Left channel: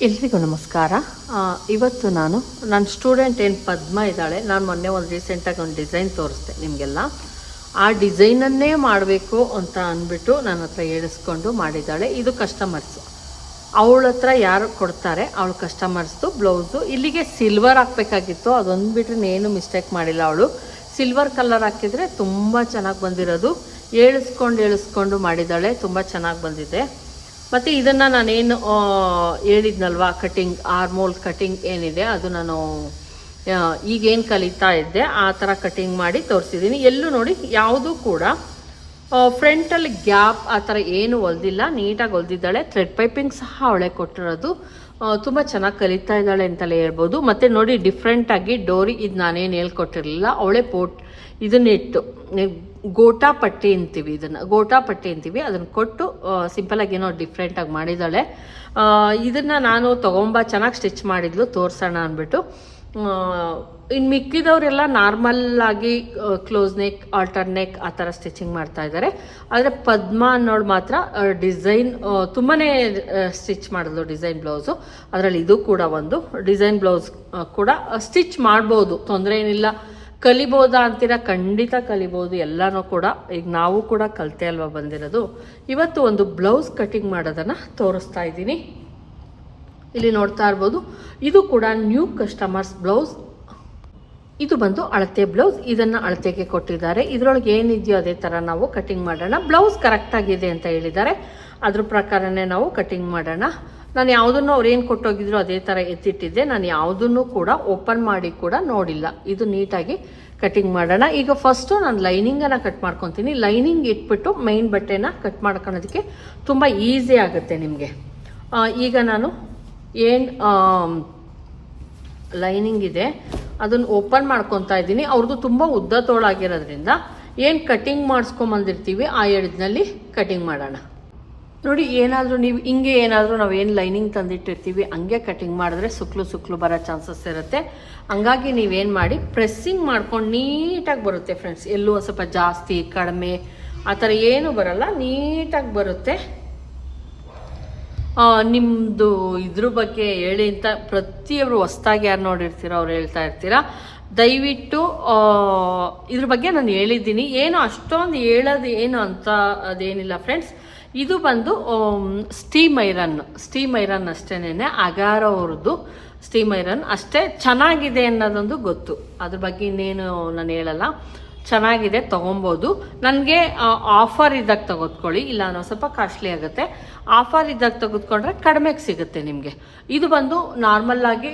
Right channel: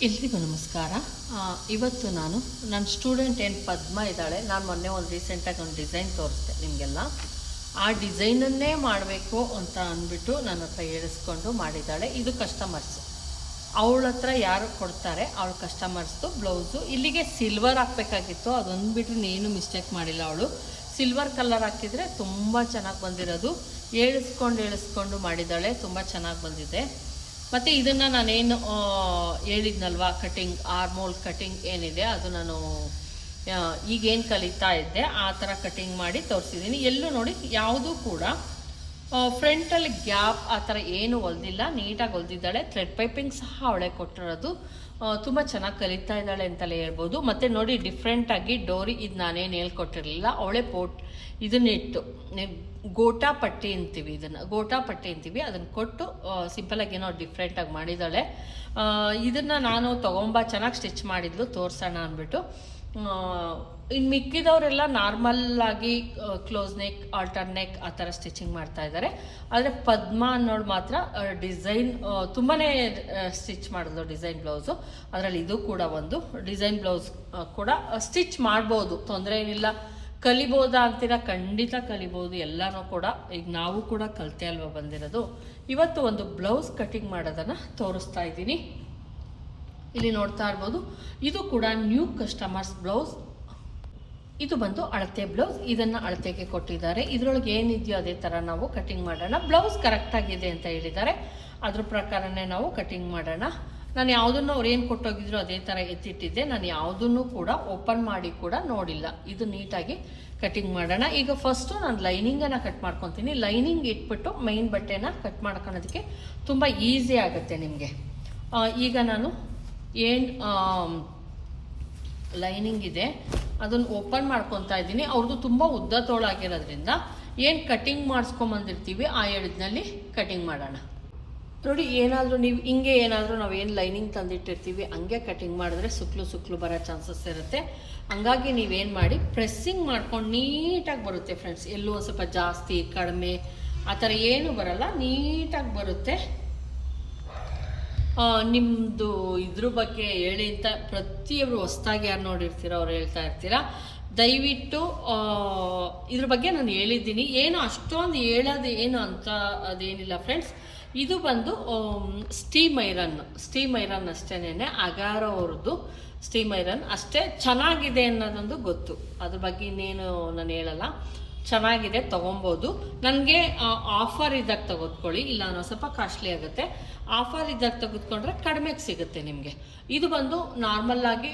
ಎಲ್ರಿಗೂ ನಮಸ್ಕಾರ. ಇವತ್ತು ನಾನು ನನ್ನ ಸ್ಟೂಡೆಂಟ್ ಏನು ಪದ್ಮ ಇದ್ದಾಳೆ, ನಾನು ಮೊನ್ನೆ ಒಂದು ರೀಸೆಂಟಾಗಿ ಒಂದು ಡಿಸೈನ್ ತೋರಿಸ್ದೆ ನಿಮಗೆಲ್ಲ. ಆ ಡಿಸೈನನ್ನೇ ಮಾಡಬೇಕು ಅಂತ ಅಂದ್ಬಿಟ್ಟು ನನ್ನ ಹತ್ರ ಹೇಳಿಸ್ಕೊಂಡು ಮಾಡಿದ್ದಾಳೆ. ಇದು ಕಸ್ಟಮರ್ಸ್ ಅವಳ ಹತ್ರ ಯಾರು ಕೊಡ್ತಾರೆ, ಅವಳು ಕಸ್ಟಮರ್ಸ್ದು ಬ್ಲೌಸು ಇಲ್ಲಿಗೆ ಸಿಲ್ವರ್ ಹಾಕಬೇಕಾಗಿತ್ತು, ಅದೊಂದು ಬಿಟ್ಟರೆ ಏನು ಮಿಸ್ಟೇಕ್ ಮಾಡಿಲ್ಲ ಅವಳು. ಸಿಲ್ವರ್ ಕಲರ್ ಹಾಕಿದರೆ ತುಂಬ ಚೆನ್ನಾಗಿ ಬಂದಿರೋದು. ಏಳಿಸ್ಕೊಂಡು ಏಳಿಸ್ಕೊಂಡು ಮಾಡಿದ್ದಾಳೆ, ತುಂಬ ಚೆನ್ನಾಗಿ ಬಂದಿದೆ. ಮತ್ತು ಇದನ್ನು ನಾನೇನು ಹೇಳಿದ್ನಲ್ವಾ ಕಟಿಂಗ್ ಆರ್ಮೋಲ್ ಕಟಿಂಗ್ ಏನಿದೆ, ಅದು ನಾನು ಈಗೇನು ಕಲಿತಾ ಇದ್ದೆ, ಆ ಥರ ಕಟಿಂಗ್ ಮಾಡಿ ತೋರಿಸಿದ್ದೀನಿ. ಎಲ್ಲೂ ನೋಡಿ, ಯಾವುದೂ ಕೂಡ ಫ್ರಂಟಲ್ಲಿ ಗ್ಯಾಪ್ ಆ ಥರ ಏನು ಹೊಲ್ದಿಲ್ಲ ನೀಟಾಗಿ ಹೊಲ್ದಿದ್ದಾಳೆ ಥ್ರೆಡ್ ಪೈಪಿಂಗ್ ಸಹ ಅವಳೆ ಕೊಟ್ಟಿರೋದು. ತುಂಬ ಚೆನ್ನಾಗಿ ಕಲಿತಾ ಇದ್ದಾಳೆ ಅಂತಲೇ ಹೇಳ್ಬೋದು. ಮತ್ತು ನೋಡಿ ಡಿಫ್ರೆಂಟಾಗಿ ಡೋರಿ ಇದು ನಾನೇನು ಹೇಳ್ಕೊಟ್ಟಿರಲಿಲ್ಲ. ಅವಳೆ ಪೋಟ್, ಇದನ್ನ ಇಟ್ಟು ಗೋಟಾ ಪಟ್ಟಿ ಅಂತೀವಿ ಇದನ್ನು. ಗೋಟಾ ಪಟ್ಟಿ ಅಂತೀವಿ. ಅದನ್ನು ಕೊಟ್ಟು ಸಿಂಪಲಾಗಿ ಏನೋ ಡಿಫ್ರೆಂಟಾಗಿ ಮಾಡಿದ್ದಾಳೆ. ಇದನ್ನ ನಾನು ತೊಗೊಂಬ, ಚೆನ್ನಾಗಿ ಸ್ಟಿಚ್ ಮಾಡಿದ್ಲು, ತೋರಿಸೋಣ ಅಂದ್ಬಿಟ್ಟು. ಇನ್ನು ಮಿಕ್ಕಿದವರೆಲ್ಲ ನಾರ್ಮಲ್ ಆಗಿ ಕ್ಲೋಸ್ ನೆಕ್ ಆಲ್ಟರ್ ನೆಕ್ ಆ ಥರ ಸ್ಟಿಚಿಂಗ್ ಮಾಡ್ತಾ ಇದ್ದಾರೆ. ಆದರೆ ಪದ್ಮ ಅನ್ನೋಳು ಮಾತ್ರ ಡಿಸೈನ್ ತುಂಬಾ ಸ್ಟಿಚ್ ಮಾಡಿದ್ಲು ಡಿಸೈನ್ ಬ್ಲೌಸು ಅದರಲ್ಲಿ ಇದು ಕೂಡ ಒಂದು ಡಿಸೈನ್ ಬ್ಲೌಸ್ ಕೂಡ ಸ್ಟಿಚ್ ಮಾಡ್ಬೋದು. ತೊಂದರೆ ಏನಿಲ್ಲ. ಕಲಿಬೋದಾ ಅಂತೀರ? ಖಂಡಿತ ಕಲಿಬೋದು. ಎಲ್ಲನೂ ಕೂಡ, ಈಗ ನಾವು ಕೂಡ ಕಲಿತೆ ಅಲ್ವಾ ಬಂದಿರೋದು. ಇವತ್ತು ಒಂದು ಬ್ಲೌಸ್ ಕಟಿಂಗ್ ಮಾಡೋದನ್ನು ತೋರಿಸ್ತಾ ಇದ್ದೀನಿ. ಇಲ್ಲಿ ನೋಡ್ತಾ ಇರ್ಬೋದು. ಇದು ಕೂಡ ನ್ಯೂ ಕಸ್ಟಮರ್ಸ್ ಬ್ಲೌಸ್ ಇದು ಬಂದು ಅಳತೆ ಬ್ಲೌಸ್ ಇದನ್ನು ಅಳತೆಗೆ ಕೊಟ್ಟಿದ್ದಾರೆ. ಇದರೊಳಗೆ ಏನಿದೆಯೋ ಅದೇ ಥರ ನಾವು ಕಟಿಂಗ್ ಮಾಡೋಣ. ಬ್ಲೌಸ್ ಕರೆಕ್ಟ್ ಆಗಿದೆ ಅಂತ ಹೇಳಿದ್ದಾರೆ. ಅದ್ರ ಪ್ರಕಾರನೇ ನಾವು ಕಟ್ಟಿಂಗ್ ಮಾಡೋಣ. ನಾನು ಯಾವುದನ್ನು ಅವ್ರು ಏನು ಕೊಟ್ಟೋಗಿದ್ರು ಅದೇ ಥರ ಎತ್ತಿಟ್ಟಿದ್ದೆ. ನಾನು ಯಾವುದನ್ನು ಕೂಡ ಓಪನ್ ಮಾಡಿ ಕೂಡ ನೋಡಿಲ್ಲ. ಇದು ನೀಟಾಗಿ ಕಟಿಂಗ್ ಮಾಡೋಣ. ಈಗ ಫಸ್ಟು ನಾನು ಲೈನಿಂಗನ್ನು ಕಟ್ ಮಾಡ್ಕೊತೀನಿ. ಲೈನಿಂಗ್ ಇಟ್ಬಿಟ್ಟು ಮೈನ್ ಬಟ್ಟೆನ ಕಟ್ ಮಾಡ್ಕೊಳೋದಕ್ಕೆ ತುಂಬ ಈಸಿ ಆಗುತ್ತೆ ನಿಮಗೆ. ಈಗ ನಾನು ಏನು ಲೈನಿಂಗ್ ಇದೆ, ಅದನ್ನು ಓಪನ್ ಮಾಡ್ಕೊತಾ ಇದ್ದೀನಿ. ಅವ್ರದ್ದು ತುಂಬ ಉದ್ದ ತೋಳಾಗಿರೋದ್ರಿಂದ ಏನು ಕಟಿಂಗ್ ಮಾಡಿಸ್ಕೊಂಬಂದಿರ್ತೀವಿ, ಆ ಎಡ್ಜ್ನಲ್ಲಿ ಕಟಿಂಗ್ ಮಾಡೋಣ. ನೋಡಿ, ಏನಾದರೂ ನೀವು ಹಿಂಗೆ ಏನಾದರೂ ನಾವು ಏನು ಲೈನಿಂಗ್ ತಂದಿಟ್ಟಿರ್ತೀವಿ, ಹಂಗೆ ಕಟಿಂಗ್ ಮಾಡಿದ್ರೆ ಸುಕ್ಲು ಸುಕ್ಲು ಬರೋ ಚಾನ್ಸಸ್ ಇರುತ್ತೆ. ಹಂಗಾಗಿ ನೀವೇನು ಮಾಡಿ ಪ್ರೆಸ್ಸಿಂಗ್ ಮಾಡ್ಕೊಂಡು ನೀಟಾಗಿ ಬರುತ್ತೆ ಫ್ರೆಂಡ್ಸ್ ಎಲ್ಲೂ ಸ್ವಲ್ಪ ಜಾಸ್ತಿ, ಕಡಿಮೆ, ಆ ಥರ ಏನು ಬರಲ್ಲ, ನೀಟಾಗಿ ಬರುತ್ತೆ. ಆ, ನಿಮ್ದು ಇದ್ರ ಬಗ್ಗೆ ಹೇಳಿ ಅಂತ ಪ್ರತಿಯೊಬ್ಬರು ಹೊಸ್ದಾಗಿ ಯಾರು ನೋಡಿರ್ತೀರೋ ಅವ್ರು ಹೇಳ್ತಾ ಇರ್ತೀರಾ? ದಯವಿಟ್ಟು ಇದ್ರ ಬಗ್ಗೆ ನಾನು ಹೇಳಿದ್ದೀನಿ. ಏನು ಅಷ್ಟೊಂದು ಹೇಳೋದು ಏನು ಅಂತ ಅದೇನಿಲ್ಲ ಫ್ರೆಂಡ್ಸ್ ಇದು ಬಂದು ಸ್ಟೀಮ್ ಐರನ್ ಸ್ಟೀಮ್ ಐರನ್ ಅಷ್ಟೇನೆ ಅಗಾರ ಅವ್ರದ್ದು ಸ್ಟೀಮ್ ಐರನ್ ಅಷ್ಟೇ ಚೆನ್ನಾಗಿದೆ ಅನ್ನೋದೊಂದು ಗೊತ್ತು. ಅದ್ರ ಬಗ್ಗೆ ಇನ್ನೇನು ನಾನು ಹೇಳಲ್ಲ. ಚೆನ್ನಾಗಿದೆ, ತೊಗೊಬೋದು. ನನಗೆ ಆಫರ್ ಇದ್ದಾಗ ತೆಗೆದುಕೊಳ್ಳಿ, ಇಲ್ಲ ಅನ್ನೋ ಸ್ವಲ್ಪ ಕಾಸ್ಟ್ಲಿ ಆಗುತ್ತೆ. ಆಫರ್ ಇದ್ದಾಗ ತೆಗೆದುಕೊಂಡ್ರೆ ಕಡಿಮೆಗೆ ಸಿಗುತ್ತೆ ನಿಮಗೆ. ಇದು ಬಂದು ನಾರ್ಮಲ್ಲಾಗಿ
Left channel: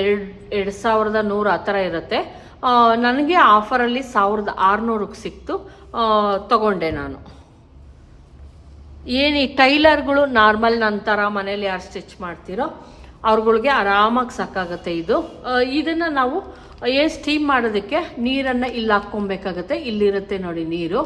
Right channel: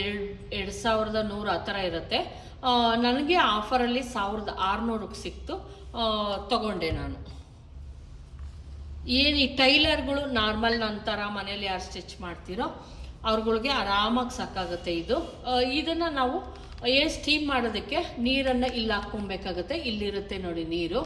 ಎರಡು ಎರಡು ಸಾವಿರದ ನೂರು ಆ ಥರ ಇರುತ್ತೆ. ನನಗೆ ಆಫರಲ್ಲಿ ಸಾವಿರದ ಆರುನೂರಕ್ಕೆ ಸಿಕ್ತು. ತಗೊಂಡೆ ನಾನು. ಏನು ಈ ಟೈಲರ್ಗಳು ನಾರ್ಮಲ್ ನನ್ನ ಥರ ಮನೇಲಿ ಯಾರು ಸ್ಟಿಚ್ ಮಾಡ್ತೀರೋ, ಅವ್ರುಗಳಿಗೆ ಆರಾಮಾಗಿ ಸಾಕಾಗುತ್ತೆ ಇದು. ಇದನ್ನು ಇದನ್ನ ನಾವು ಏನು ಸ್ಟೀಮ್ ಮಾಡೋದಕ್ಕೆ ನೀರನ್ನು ಇಲ್ಲಿ ಹಾಕ್ಕೊಬೇಕಾಗತ್ತೆ. ಇಲ್ಲಿರುತ್ತೆ ನೋಡಿ ನೀರು.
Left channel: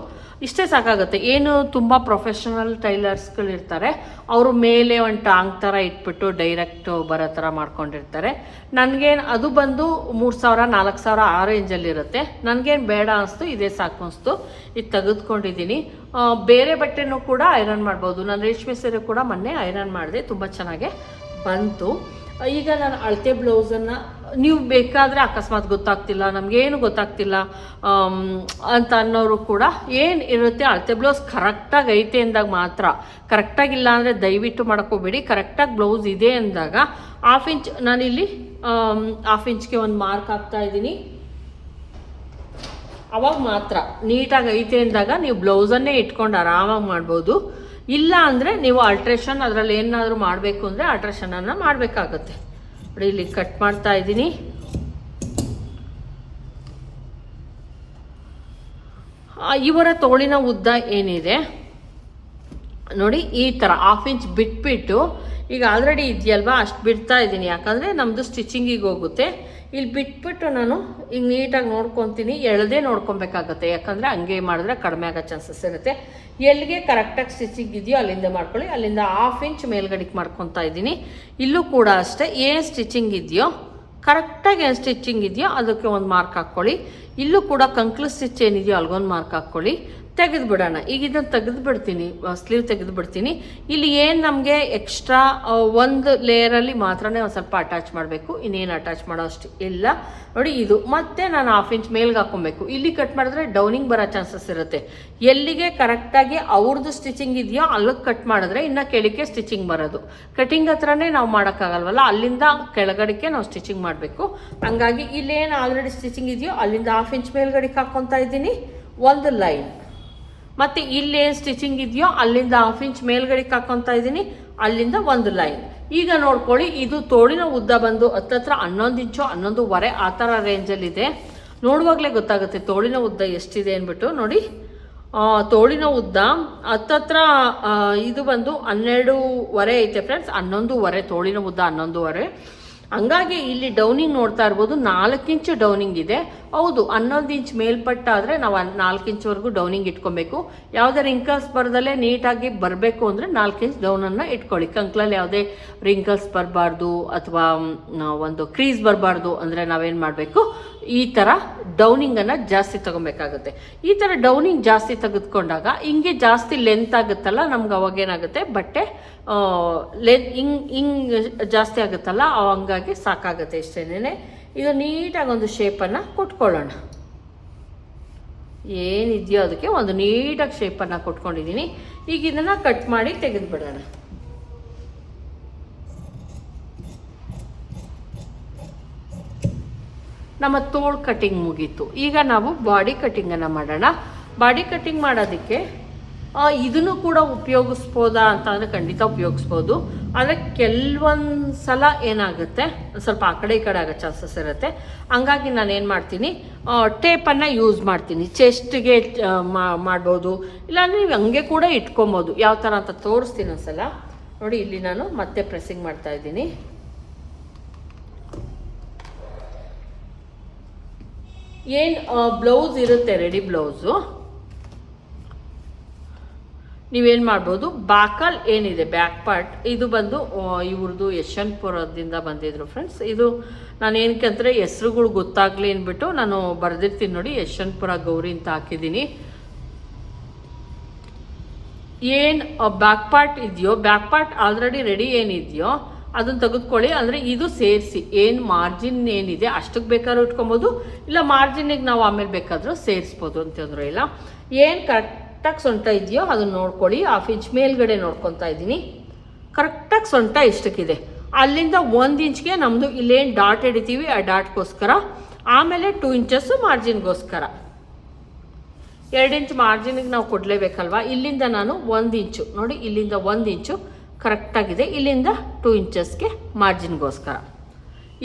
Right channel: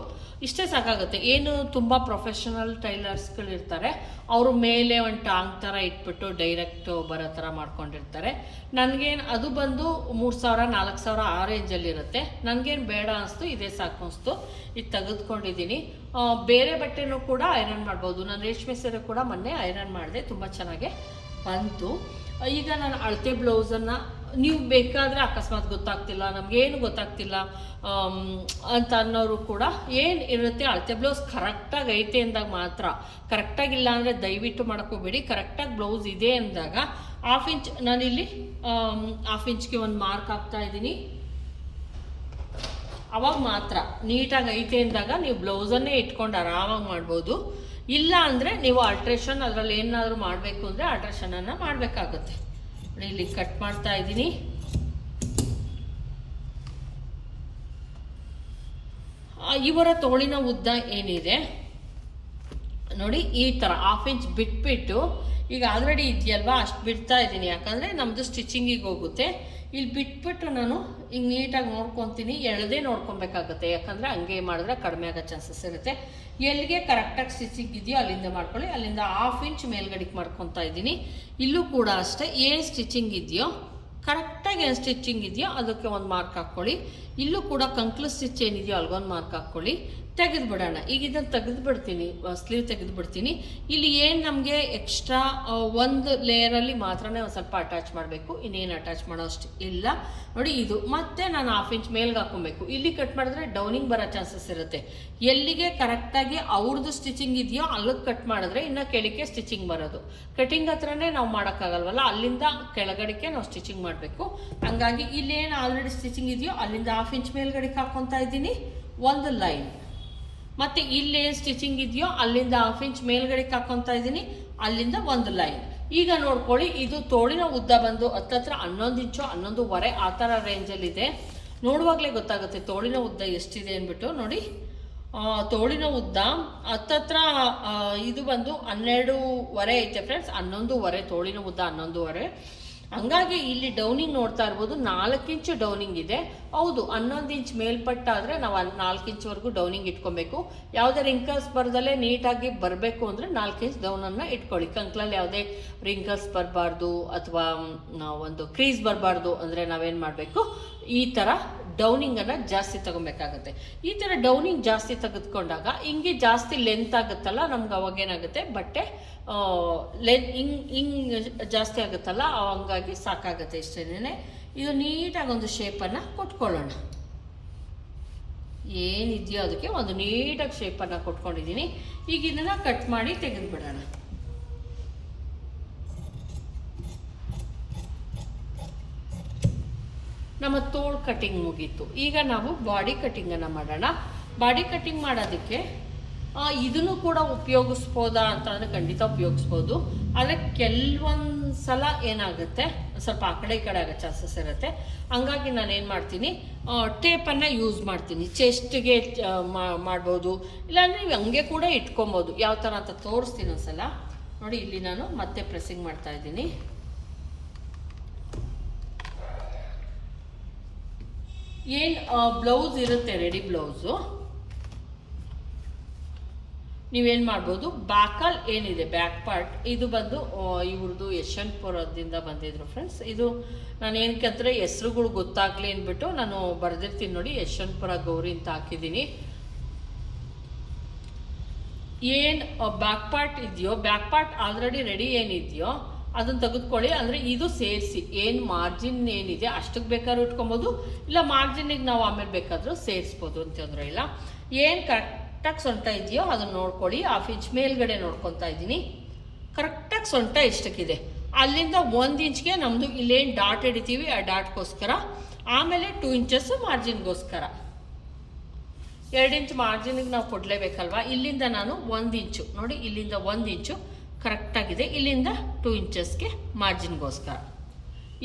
ಇಷ್ಟೇ ಸಾಕಾಗುತ್ತೆ. ಏನು ತುಂಬ ಪ್ರೊಫೆಷನಲ್ ಟೈಲರ್ಸ್ಗಳಿರ್ತಾರೆ ಅವರು ಮೇಲೆ ಒಂದು ಟಾಂಗ್ ಥರ ಇಟ್ಬಿಟ್ಟು ಡೈರೆಕ್ಟ್ ಬರೋ ಥರ ಮಾಡ್ಕೊಂಡಿರ್ತಾರೆ. ನನಗೇನು ಅದು ಬಂದು ಮೂರು ಸಾವಿರ, ನಾಲ್ಕು ಸಾವಿರ ಆ ರೇಂಜಲ್ಲಿರುತ್ತೆ ನನಗೇನು ಬೇಡ ಅನಿಸ್ತು, ಇದೇ ಸಾಕು ಅನಿಸ್ತು. ಇದು ತೆಗೆದುಕೊಂಡಿದ್ದೀನಿ ಬೇರೆ ಬಟ್ಟೆನೂ ಕೂಡ ಐರನ್ ಮಾಡ್ಬೋದು. ನಾನು ರೇಷ್ಮೆ ಸೀರೆ ಕೂಡ ಮೊನ್ನೆ ಐರನ್ ಮಾಡಿದೆ. ತುಂಬ ಚೆನ್ನಾಗೆ ಬಂತು. ಈಗ ನಾನು ಅಳತೆ ಬ್ಲೌಸನ್ನು ನೀವು ಬೇಕಾದರೆ ಅಕಸ್ಮಾತ್ ಗೊತ್ತಾಗ್ತಿಲ್ಲ, ನಮಗೇನು ಗೊತ್ತಾಗ್ತಿಲ್ಲ ಅಂತ ಅನ್ನೋರು ಕೂಡ ಏನು ಇರುತ್ತೆ, ಅಳತೆ ಬ್ಲೌಸ್ ಕರೆಕ್ಟಾಗಿ ಐತೆ ಅಂದಾಗ ಮಾತ್ರ ಕರೆಕ್ಟಾಗಿಲ್ಲ ಅಂದರೆ ದಯವಿಟ್ಟು ಮಾಡ್ಕೋಬೇಡಿ ಕರೆಕ್ಟಾಗಿ ಬ್ಲೌಸ್ ಇದೆ ಅಂದಾಗ ಹಾಫ್ ಇಂಚ್ ನಾನಿಲ್ಲಿ ಹಾಫ್ ಇಂಚ್ಗೆ ಒಂದು ಮಾರ್ಕ್ ಹಾಕ್ತಾ ಇದ್ದೀನಿ. ಅವಾಗ ಮಾತ್ರ ನೀಟಾಗಿ ಐತೆ ಅಂದಾಗ ನೀವು ಬ್ಲೌಸನ್ನೇ ಇಟ್ಕೊಂಡು ಆರಾಮಾಗಿ ಮಾಡ್ಬೋದು. ಇಲ್ಲ ಅಂದರೆ ನೀವು ಅಲ್ಟ್ರೇಷನ್ ಅದರಲ್ಲಿ ಏನಾದರೂ ಮಾಡಬೇಕು ಅಂದರೆ ಅಲ್ಟ್ರೇಷನನ್ನು ಮಾಡಬೇಕಾಗುತ್ತೆ. ನೋಡಿ, ಇಲ್ಲಿ ಕಟ್ ಮಾಡ್ತಾ ಇದ್ದೀನಿ. ಇವರ ತೋಳಿನ ಉದ್ದ ಏನಿದೆ? ನೋಡಿ, ಈ ಥರ ಹಾಫ್ ಇಂಚ್ ಬಿಟ್ಬಿಟ್ಟು, ಈಗ ಆಲ್ರೆಡಿ ಇದೆಯಲ್ವಾ? ಅಷ್ಟು ಬಿಡ್ತಾ ಇದ್ದೀನಿ. ಯಾಕಂದರೆ ನಮ್ಮದು ಸ್ಟಿಚಿಂಗಿಗೆ ಹೋಗುತ್ತೆ. ಇಲ್ಲಿ ಬಿಟ್ಬಿಟ್ಟು ನಾನು ಈಗ ನೀಟಾಗಿ ನೋಡ್ಕೊತೀನಿ. ಎಳ್ದೇ ನೋಡ್ಕೊಬೇಕಾಗತ್ತೆ. ಯಾಕಂದರೆ ಹಂಗೆ ಮಾಡಿದ್ರೆ ಕಡಿಮೆ ಆಗೋ ಚಾನ್ಸಸ್ ಇರುತ್ತೆ. ಎಲ್ಲಿಗೆ ಕರೆಕ್ಟಾಗಿ ಸ್ಟಿಚಿಂಗ್ ಇದೆಯೋ ಅಲ್ಲಿಂದ ಮಾಡ್ಕೊಳ್ಳಿ. ಅಲ್ಲಿಂದ ಹಾಫ್ ಇಂಚ್ ಮೇಲ್ಗಡೆಗೆ ಮಾಡ್ಕೊತಾ ಇದ್ದೀನಿ. ಇಲ್ಲೂ ಕೂಡ ಅಷ್ಟೇ, ಏನು ಸ್ಟಿಚಿಂಗ್ ಇದೆಯೋ ಕರೆಕ್ಟಾಗಿ ಏನು ಸ್ಟಿಚಿಂಗ್ ಇದೆಯೋ, ಅದಕ್ಕೆ ಒಂದು ಮಾರ್ಕ್ ಹಾಕ್ಕೊಳ್ಳಿ ಇಲ್ಲೂ ಕೂಡ ಕಂಕ್ಲು ಸ್ಟಿಚ್ ಏನಿದೆಯೋ ಅಲ್ಗೊಂದು ಮಾರ್ಕ್ ಹಾಕ್ಕೊಳ್ಳಿ ತೆಗೆದು ಬಿಡೋಣ ಈಗ ಇದನ್ನು ತೆಗೆದು ಬಿಡ್ತೀನಿ ಸ್ಲೀವ್ ತೆಗೆದು ಬಿಡ್ತೀನಿ ಇಲ್ಲಿ ಏನು ನಮಗೆ ಎಕ್ಸ್ಟ್ರಾ ಒಂದು ಲೇಯರಲ್ಲಿ ಮಾತ್ರನೇ ಒಂದು ಸ್ವಲ್ಪ ಅಟ್ಯಾಚ್ ಮಾಡಬೇಕು. ಇನ್ನೇನು ಅಟ್ಯಾಚ್ ಮಾಡೋ ಅಷ್ಟು ಇಲ್ಲ. ನೋಡಿ ಇದು, ಮತ್ತೆ ನಾನು ಹಾಫ್ ಇಂಚ್ ಮೇಲ್ಗೆ ಹಾಕೊಬೇಕು ಇಲ್ಲಿ ಕಟ್ ಮಾಡಿದ್ರೆ ಡೌನಿಂಗ್ ಬರೋ ಚಾನ್ಸಸ್ ಇರುತ್ತೆ. ಎಲ್ಲಿಗೆ ಕರೆಕ್ಟಾಗಿ ಅವ್ರದ್ದು ಸ್ಟಿಚಿಂಗ್ ಇದೆಯೋ ಅಲ್ಲಿಗೆ ಕಟ್ ಮಾಡಿದ್ರೆ ಇನ್ನು ಕೆಳಕ್ಕೆ ಸ್ಟಿಚಿಂಗ್ ಬರೋದು. ಕಟಿಂಗ್ ಹತ್ರನೇ ನಾವು ಮಾಡೋಕ್ಕಾಗಲ್ವಲ್ಲ? ಅಲ್ಲಿಂದ ಕೆಳಗಡೆಗೆ ನಾವು ಸ್ಟಿಚಿಂಗ್ ಮಾಡಬೇಕು. ಹಂಗಾಗಿ ಇಲ್ಲೇನು ಆಲ್ರೆಡಿ ಸ್ಟಿಚಿಂಗ್ ಇದೆಯೋ ಅಲ್ಲಿಂದ ಹಾಫ್ ಇಂಚ್ ಮೇಲ್ಗಡೆಗೆ ಹಾಕ್ಕೊತಾ ಇದ್ದೀನಿ. ಒಂದು ಲೈನ್ ಮತ್ತೆ ಇಲ್ಲೇನು ಸ್ಟಿಚಿಂಗ್ ಇದೆಯೋ ಅಲ್ಲಿಂದ ಹಾಫ್ ಇಂಚ್ ಮೇಲ್ಗಡೆ ಹಾಕ್ಕೊತಾ ಇದ್ದೀನಿ ಅಲ್ಲಿಂದ ಒಂದು ಲೈನ್ ಈಗ ನೋಡ್ಕೊಳ್ಳಿ, ಇದು ತೋಳಿನ ಉದ್ದ ಬಂದು ಹತ್ತತ್ರ ಹನ್ನೊಂದು ಇಂಚು ಹನ್ನೊಂದುವರೆ ಆ ಥರ ರೇಂಜಲ್ಲಿದೆ ನೋಡುವಾಗಲೇ ಗೊತ್ತಾಗುತ್ತೆ ತೋಳಿನ ಉದ್ದ ಎಷ್ಟಿದೆ ಅಂದ್ಬಿಟ್ಟು, ನೋಡಿ. ತೋಳಿನ ಉದ್ದ ಹತ್ತತ್ರ ಇದು ಬಂದು ಹನ್ನೆರಡೂವರೆ ಐತೆ ಫ್ರೆಂಡ್ಸ್ ಹನ್ನೊಂದುವರೆ ತೋಳಿನ ಉದ್ದ ಹನ್ನೊಂದುವರೆ ಹಂಗಾಗಿ ಇಲ್ಲಿ ಡೌನಿಂಗ್ ನೋಡ್ತಾ ಇರ್ಬೋದು. ನಾಲ್ಕು ಇಂಚು ಡೌನಿಂಗ್ ಇದೆ. ಹೌದು, ಹನ್ನೊಂದು ಇಂಚ್ ಮೇಲ್ಪಟ್ಟ ಆದರೆ ನಾವು ನಾಲ್ಕು ಇಂಚ್ವರೆಗೂ ಡೌನಿಂಗ್ ಇಟ್ಕೊಬೇಕು. ಯಾವುದೇ ರಿಂಕಲ್ಸ್ ಬರದಲ್ಲೇ ನೀಟಾಗಿ ಬರಬೇಕು ಅಂದರೆ ನಾಲ್ಕು ಇಂಚ್ ಡೌನನ್ನು ಇಟ್ಕೊಳ್ಳಿ. ಕಂಕ್ಲಲ್ಲಿ ಯಾವುದೇ ರಿಂಕಲ್ಸ್ ಬರಬಾರ್ದು ಅಥವಾ ಒಂದು ಕ್ರೀಸ್ ಬರಬಾರ್ದು ಅಂದರೆ ನಾವೇನು ಮಾಡಬೇಕು? ಈ ಥರ ಡೌನಿಂಗನ್ನು ಜಾಸ್ತಿ ತಗೊಬೇಕಾಗುತ್ತೆ. ಈ ಥರ ಡೌನಿಂಗ್ ಜಾಸ್ತಿ ತೆಗೆದುಕೊಂಡಾಗ ಹಿಂಗೆ ಜಾಸ್ತಿ ಲೆಂತ್ ಆಗುತ್ತಲ್ಲ, ನಮ್ಗೆ ಅವಾಗ ಏನಾಗುತ್ತೆ? ಬಟ್ಟೆ ಲೆಂತ್ ಹಿಂಗ್ ಹಿಂಗ್ ಜಾಸ್ತಿ ಆಗುತ್ತಲ್ಲ ಹಂಗಾಗಿ ಸಾಕಾಗುತ್ತೆ ಇಷ್ಟೇನೆ ಇದು ನೀಟಾಗಿ ಒಂದು ಶೇಪನ್ನು ಕೊಟ್ಕೊಳ್ಳೋಣ. ಏನಿದೆಯೋ ಅದಕ್ಕೆ ಒಂದು ನೀಟಾಗಿ ಶೇಪನ್ನು ಕೊಟ್ಕೊಂಡಿದ್ದೀನಿ ಈಗ ಇದನ್ನು ಕಟ್ ಮಾಡಿ ತೆಗೆದುಬಿಡೋಣ. ನಮ್ಮ ತೋಳು ಕಟಿಂಗ್ ಮುಗೀತು. ಈಗ ನಾವು ಬಾಡಿ ಕಟಿಂಗನ್ನು ಮಾಡೋಣ. ಬಾಡಿ ಕಟಿಂಗ್ ಮಾಡೋದಕ್ಕೆ ಇದನ್ನು ಕೂಡ ಉಪಯೋಗಿಸ್ಬೋದಾ ಅಂತ ಅಂದರೆ ಖಂಡಿತ ಉಪಯೋಗಿಸ್ಬೋದು. ಆದರೆ ಕೆಲವೊಂದು ಸಲ ಏನಾಗುತ್ತೆ, ಸ್ವಲ್ಪ ಆ ಕಡೆ ಈ ಕಡೆ ಆಗೋ ಚಾನ್ಸಸ್ ಇರುತ್ತೆ. ಹಂಗಾಗಿ ನಾನು ಏನು ಮಾಡ್ತೀನಿ ಟೇಪನ್ನು ಯೂಸ್ ಮಾಡ್ತೀನಿ. ಚೆಸ್ಟ್ಗೆ ಮಾಡ್ಬೋದು. ಇಲ್ಲಾಂದರೆ ನೀವು ಹಂಗೆ ಕೂಡ ಇಟ್ಕೊಬೋದು. ಯಾವ ಥರ ಅಂತ ತೋರಿಸ್ತೀನಿ ಒಂದ್ಸಲ. ನೋಡಿ, ಇಲ್ಲಿ ನಾನು ಮತ್ತೆ ಪ್ರೆಸ್ಸಿಂಗ್ ಮಾಡ್ತಾ ಇದ್ದೀನಿ. ಏನು ಬ್ಲೌಸ್ ಇರುತ್ತೆ ರೆಡಿ ಬ್ಲೌಸು ನೀವೇನು ಮಾಡ್ಬೋದು? ಬ್ಯಾಕಲ್ ಏನಿದೆ ಬ್ಯಾಕ್ ಪಾರ್ಟ್ ಇದು ಬಂದು ಇವ್ರದ್ದು ಯಶವಂತಪುರದಿಂದ ಬಂದಿದ್ರು ಫ್ರೆಂಡ್ಸ್ ಇದು ನಾನು ಏನಕ್ಕಂದ್ರೆ ಹೆಸ್ರುಗಳು ಗೊತ್ತಾಗ್ಲಿ ಅಂದ್ಬಿಟ್ಟು ನಾನು ಬರೆದಿರ್ತೀನಿ ನೋಡಿ, ಯಶವಂತಪುರ ಗೌರಿ ಅಂತ ಹಾಕಿದ್ದೀನಿ. ಏನು ಬ್ಯಾಕ್ ಪಾರ್ಟ್ ಇದೆಯೋ ಬ್ಯಾಕ್ ಪಾರ್ಟ್ ಆಲ್ರೆಡಿ ರೆಡಿ ಏನಿದೆಯೋ ಅದನ್ನ ತೆಗೆದುಕೊಳ್ಳಿ, ಅಂದರೆ ಇದು ಸೇರಿಸಿ. ಏನು ಮಾರ್ಜಿನ್ ಏನಿದೆ ಅಷ್ಟಕ್ಕೆ ಬೇಕಾದ್ರೂ ಇಟ್ಕೊಬೋದು, ಇಲ್ಲ ಮಾರ್ಜಿನಿಗೆ ನಾವು ಆಮೇಲೆ ಬೇಕಾದರೂ ಸೇರಿಸ್ಬೋದು ಅಂತಂದ್ರೆ ಇಲ್ಲ. ಏನು ಕರೆಕ್ಟಾಗಿ ಸೊಂಟ ಇದೆಯೋ ಅದನ್ನ ನೋಡ್ಕೊಳ್ಳಿ. ಹಾಫ್ ಇಂಚ್ ಮೇಲ್ಗಡೆ ನೋಡ್ಕೊತಾ ಇದ್ದೀನಿ. ಕರೆಕ್ಟಾಗಿ ಸೊಂಟ ಇಷ್ಟಕ್ಕಿದೆ. ಅಲ್ಲಿಂದ ಒಂದು ಇಂಚ್ಗೆ ನಮ್ಮದು ಇಲ್ಲೇನು ಡಾಟ್ ಹಿಡಿತೀವಿ ಆ ಡಾಟ್ಗೋಸ್ಕರ. ಆಮೇಲೆ ಟೂ ಇಂಚಸ್ಸು ಮಾರ್ಜಿನ್ಗೋಸ್ಕರ ಎರಡು ಇಂಚ್ ಮಾರ್ಜಿನಿಗೆ ನಾವು ಕೊಡಲೇಬೇಕಲ್ವಾ? ಇಲ್ಲಿಂದ ನಾನು ಒಂದು ಇಂಚು. ನೋಡಿ, ಇಲ್ಲಿಂದ ಒಂದು ಇಂಚು. ಕರೆಕ್ಟಾಗಿದೆ. ಇಲ್ಲಿಂದ ಟೂ ಇಂಚಸ್ಗೆ ಮಾರ್ಜಿನ್ಗೋಸ್ಕರ